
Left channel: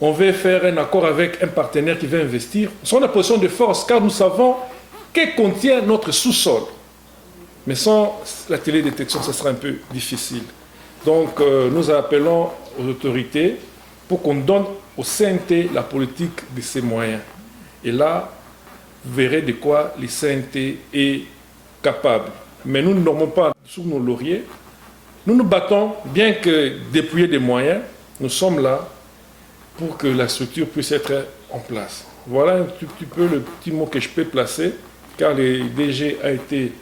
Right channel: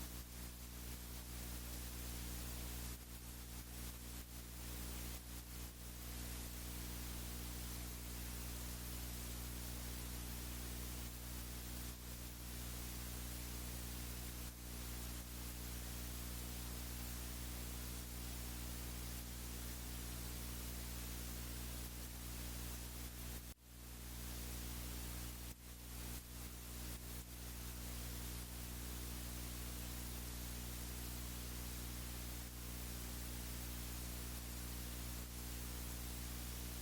on veut faire un accord avec un partenaire qui veut investir, nous serons en position de force car nous savons que contient notre sous-sol. Mais sans la télédétection, ce sera un peu difficile. Donc, nous appelons aux autorités pour qu'on donne au CNT la politique de ses moyens. Et là, vous verrez de quoi le CNT est capable. Mais nous ne dormons pas sous nos lauriers. Nous nous battons, bien que dépouillés des moyens, nous sommes là pour que la structure puisse être en place. Voilà un tout petit peu le petit mot que je peux placer, car le DG a été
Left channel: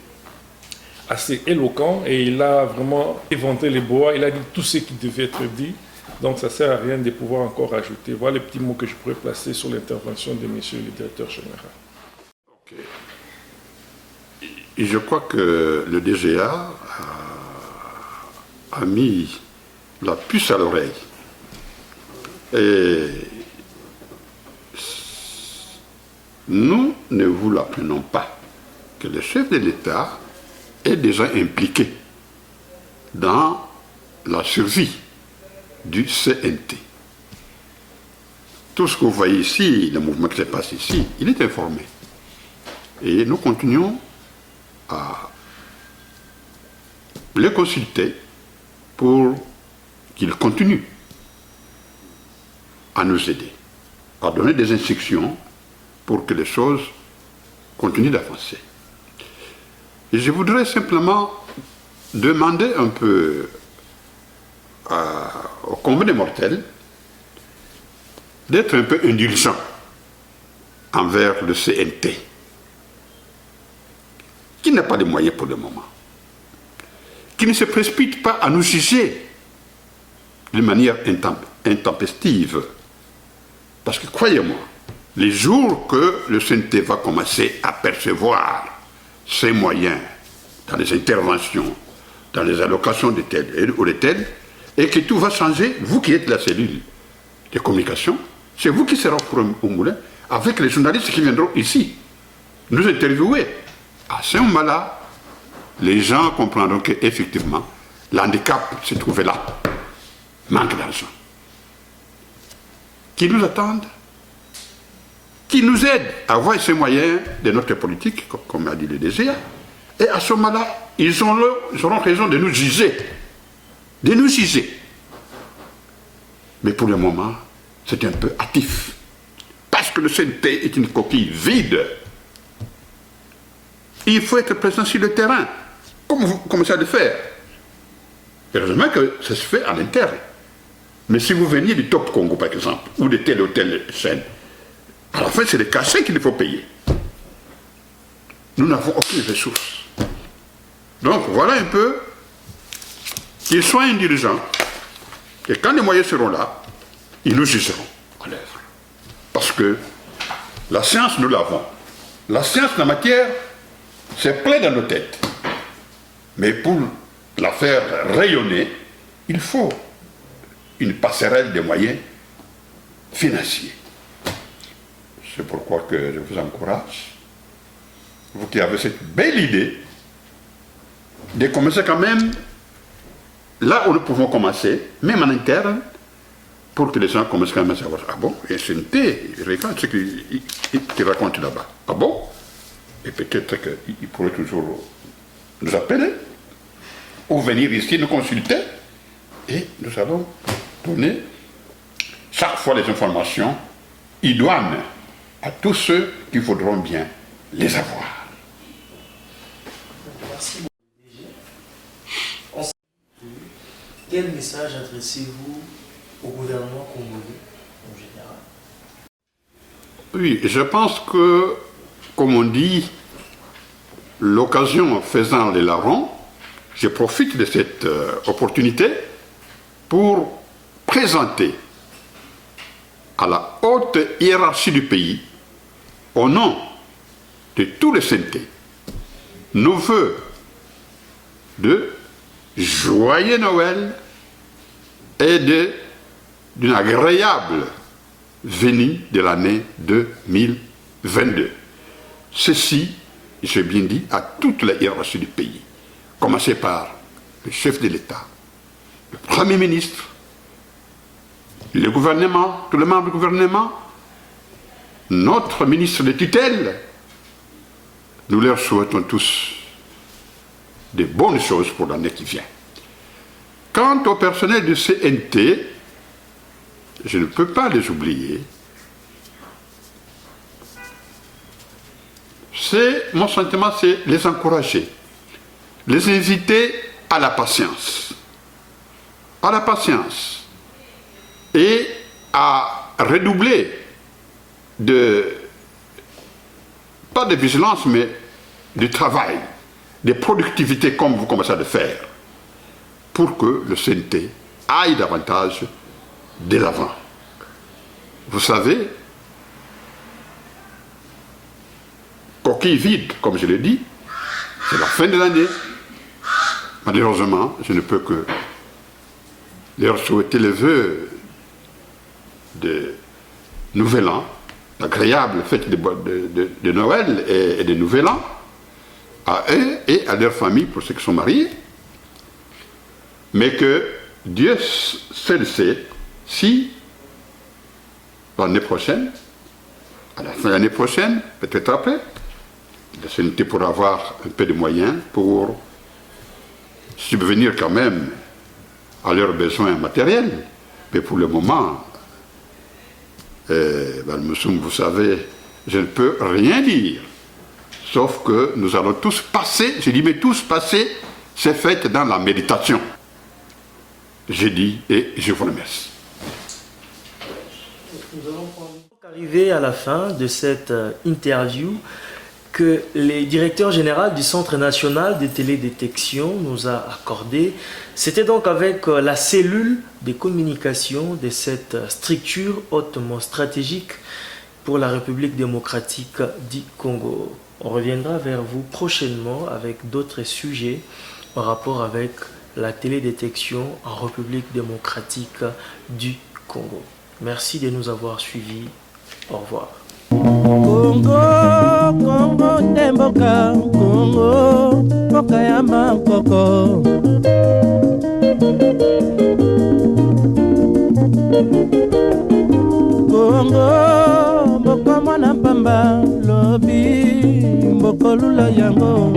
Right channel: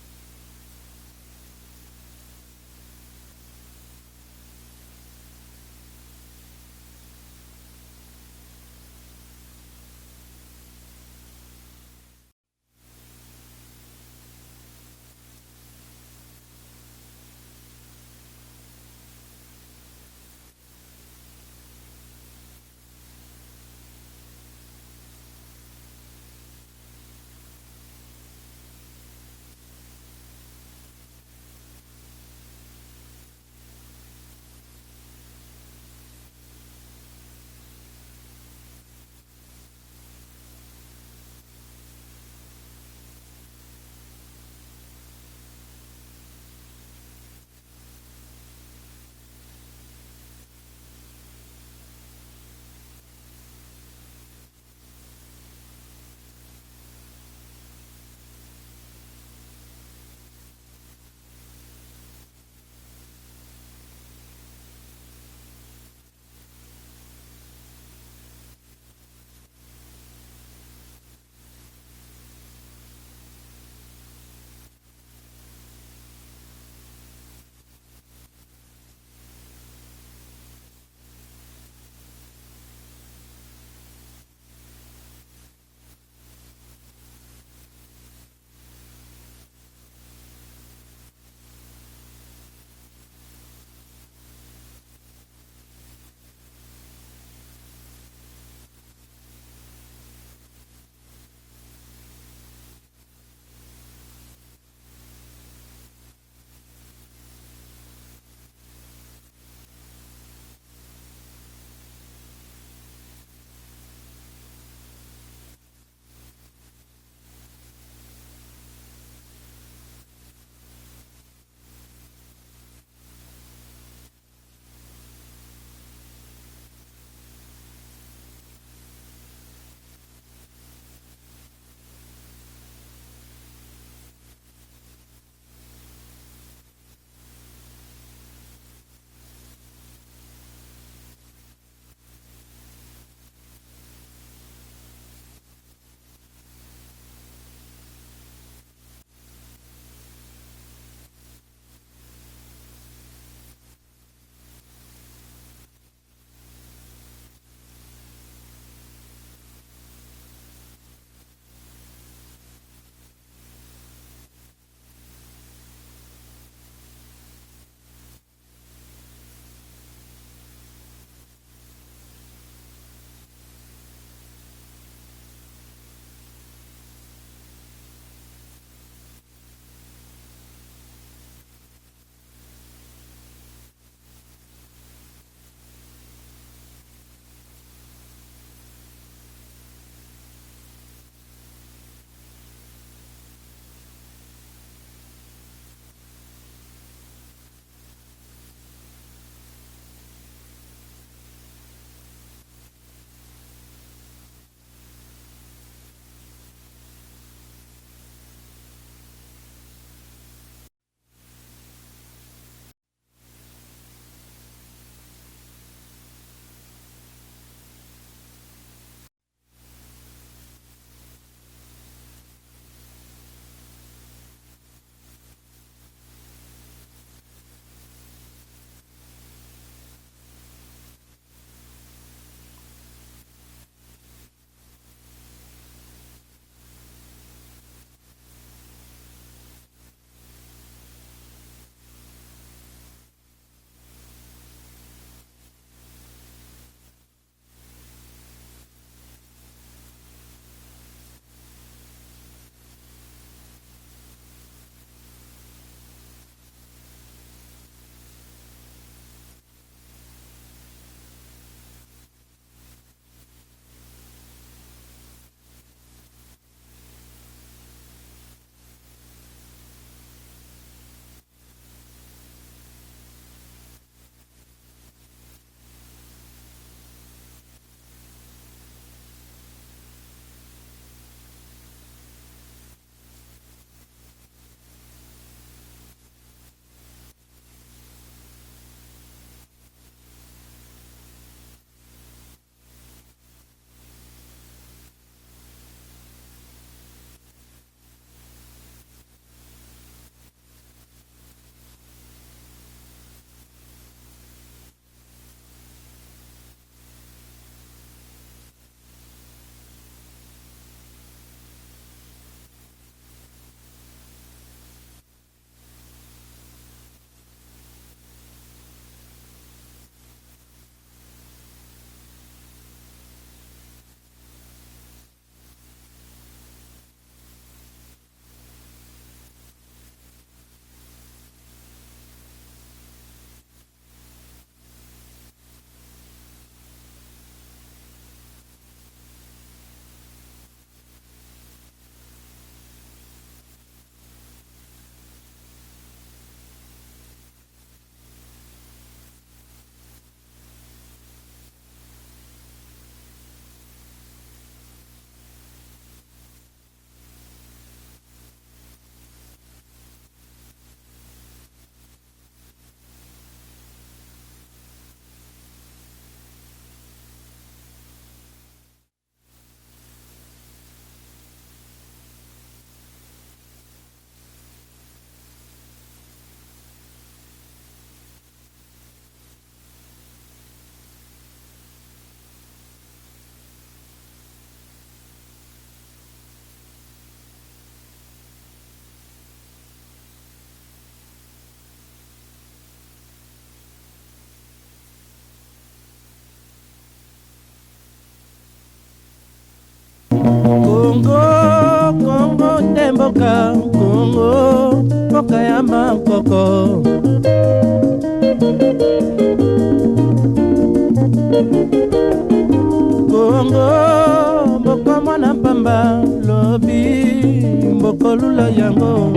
assez éloquent et il a vraiment éventé les bois, il a dit tout ce qui devait être dit, donc ça ne sert à rien de pouvoir encore ajouter. Voilà les petits mots que je pourrais placer sur l'intervention de monsieur le directeur général. Okay. Je crois que le DGA a mis la puce à l'oreille. Et nous ne vous l'apprenons pas que le chef de l'État est déjà impliqué dans la survie du CNT. Tout ce que vous voyez ici, le mouvement qui se passe ici, il est informé. Et nous continuons à les consulter pour qu'ils continuent à nous aider, à donner des instructions pour que les choses continuent d'avancer. Et je voudrais simplement demander un peu au commun des mortels d'être un peu indulgent envers le CNT, qui n'a pas de moyens pour le moment, qui ne se précipite pas à nous juger de manière intempestive. Parce que croyez-moi, les jours que le CNT va commencer à percevoir ses moyens dans les interventions, dans les allocations de tels ou de tels, et que tout va changer, vous qui êtes la cellule de communication, c'est vous qui serez au moulin avec les journalistes qui viendront ici nous interviewer. À ce moment-là, les gens comprendront qu'effectivement, l'handicap se trouvait là. Manque d'argent. Qui nous attendent, qui nous aident à avoir ces moyens de notre politique, comme a dit le DGA, et à ce moment-là, ils auront raison de nous juger. De nous juger. Mais pour le moment, c'est un peu hâtif. Parce que le CNT est une coquille vide. Il faut être présent sur le terrain, comme vous commencez à le faire. Heureusement que ça se fait à l'interne. Mais si vous veniez du Top Congo, par exemple, ou de telle ou telle chaîne, à la fin, c'est les cachets qu'il faut payer. Nous n'avons aucune ressource. Donc, voilà un peu qu'ils soient indulgents. Et quand les moyens seront là, ils nous jugeront à l'œuvre. Parce que la science, nous l'avons. La science, la matière, c'est plein dans nos têtes. Mais pour la faire rayonner, il faut une passerelle de moyens financiers. C'est pourquoi que je vous encourage, vous qui avez cette belle idée, de commencer quand même là où nous pouvons commencer, même en interne, pour que les gens commencent quand même à savoir, ah bon, il y a CNT, regarde ce qu'il raconte là-bas. Ah bon? Et peut-être qu'il pourrait toujours nous appeler, ou venir ici nous consulter, et nous allons donner chaque fois les informations idoines à tous ceux qui voudront bien les avoir. Merci beaucoup. Quel message adressez-vous au gouvernement congolais en général? Oui, je pense que, comme on dit, l'occasion faisant les larrons, je profite de cette opportunité pour présenter à la haute hiérarchie du pays, au nom de tous les CNT, nos voeux de joyeux Noël et d'une agréable venue de l'année 2022. ceci, j'ai bien dit, à toute la hiérarchie du pays. Commencer par le chef de l'État, le Premier ministre, le gouvernement, tous les membres du gouvernement, notre ministre de tutelle. Nous leur souhaitons tous de bonnes choses pour l'année qui vient. Quant au personnel du CNT, je ne peux pas les oublier. Mon sentiment, c'est les encourager, les inviter à la patience. À la patience. Et à redoubler pas de vigilance, mais de travail, de productivité comme vous commencez à le faire, pour que le CNT aille davantage de l'avant. Vous savez, coquille vide, comme je l'ai dit, c'est la fin de l'année. Malheureusement, je ne peux que leur souhaiter les vœux de Nouvel An, agréable fête de Noël et de Nouvel An, à eux et à leur famille pour ceux qui sont mariés. Mais que Dieu seul sait si l'année prochaine, à la fin de l'année prochaine, peut-être après, la CNT pourra avoir un peu de moyens pour subvenir quand même à leurs besoins matériels. Mais pour le moment, vous savez, je ne peux rien dire. Sauf que nous allons tous passer, je dis mais tous passer ces fêtes dans la méditation. J'ai dit et je vous remercie. Nous allons arriver à la fin de cette interview que le directeur général du Centre national de télédétection nous a accordé. C'était donc avec la cellule de communication de cette structure hautement stratégique pour la République démocratique du Congo. On reviendra vers vous prochainement avec d'autres sujets en rapport avec la télédétection en République démocratique du Congo. Merci de nous avoir suivis. Au revoir. Congo, Congo, Temboka, Congo, Mboka ya Makoko. Congo, Mboka mwana pamba, lobi, Mboko lula yango.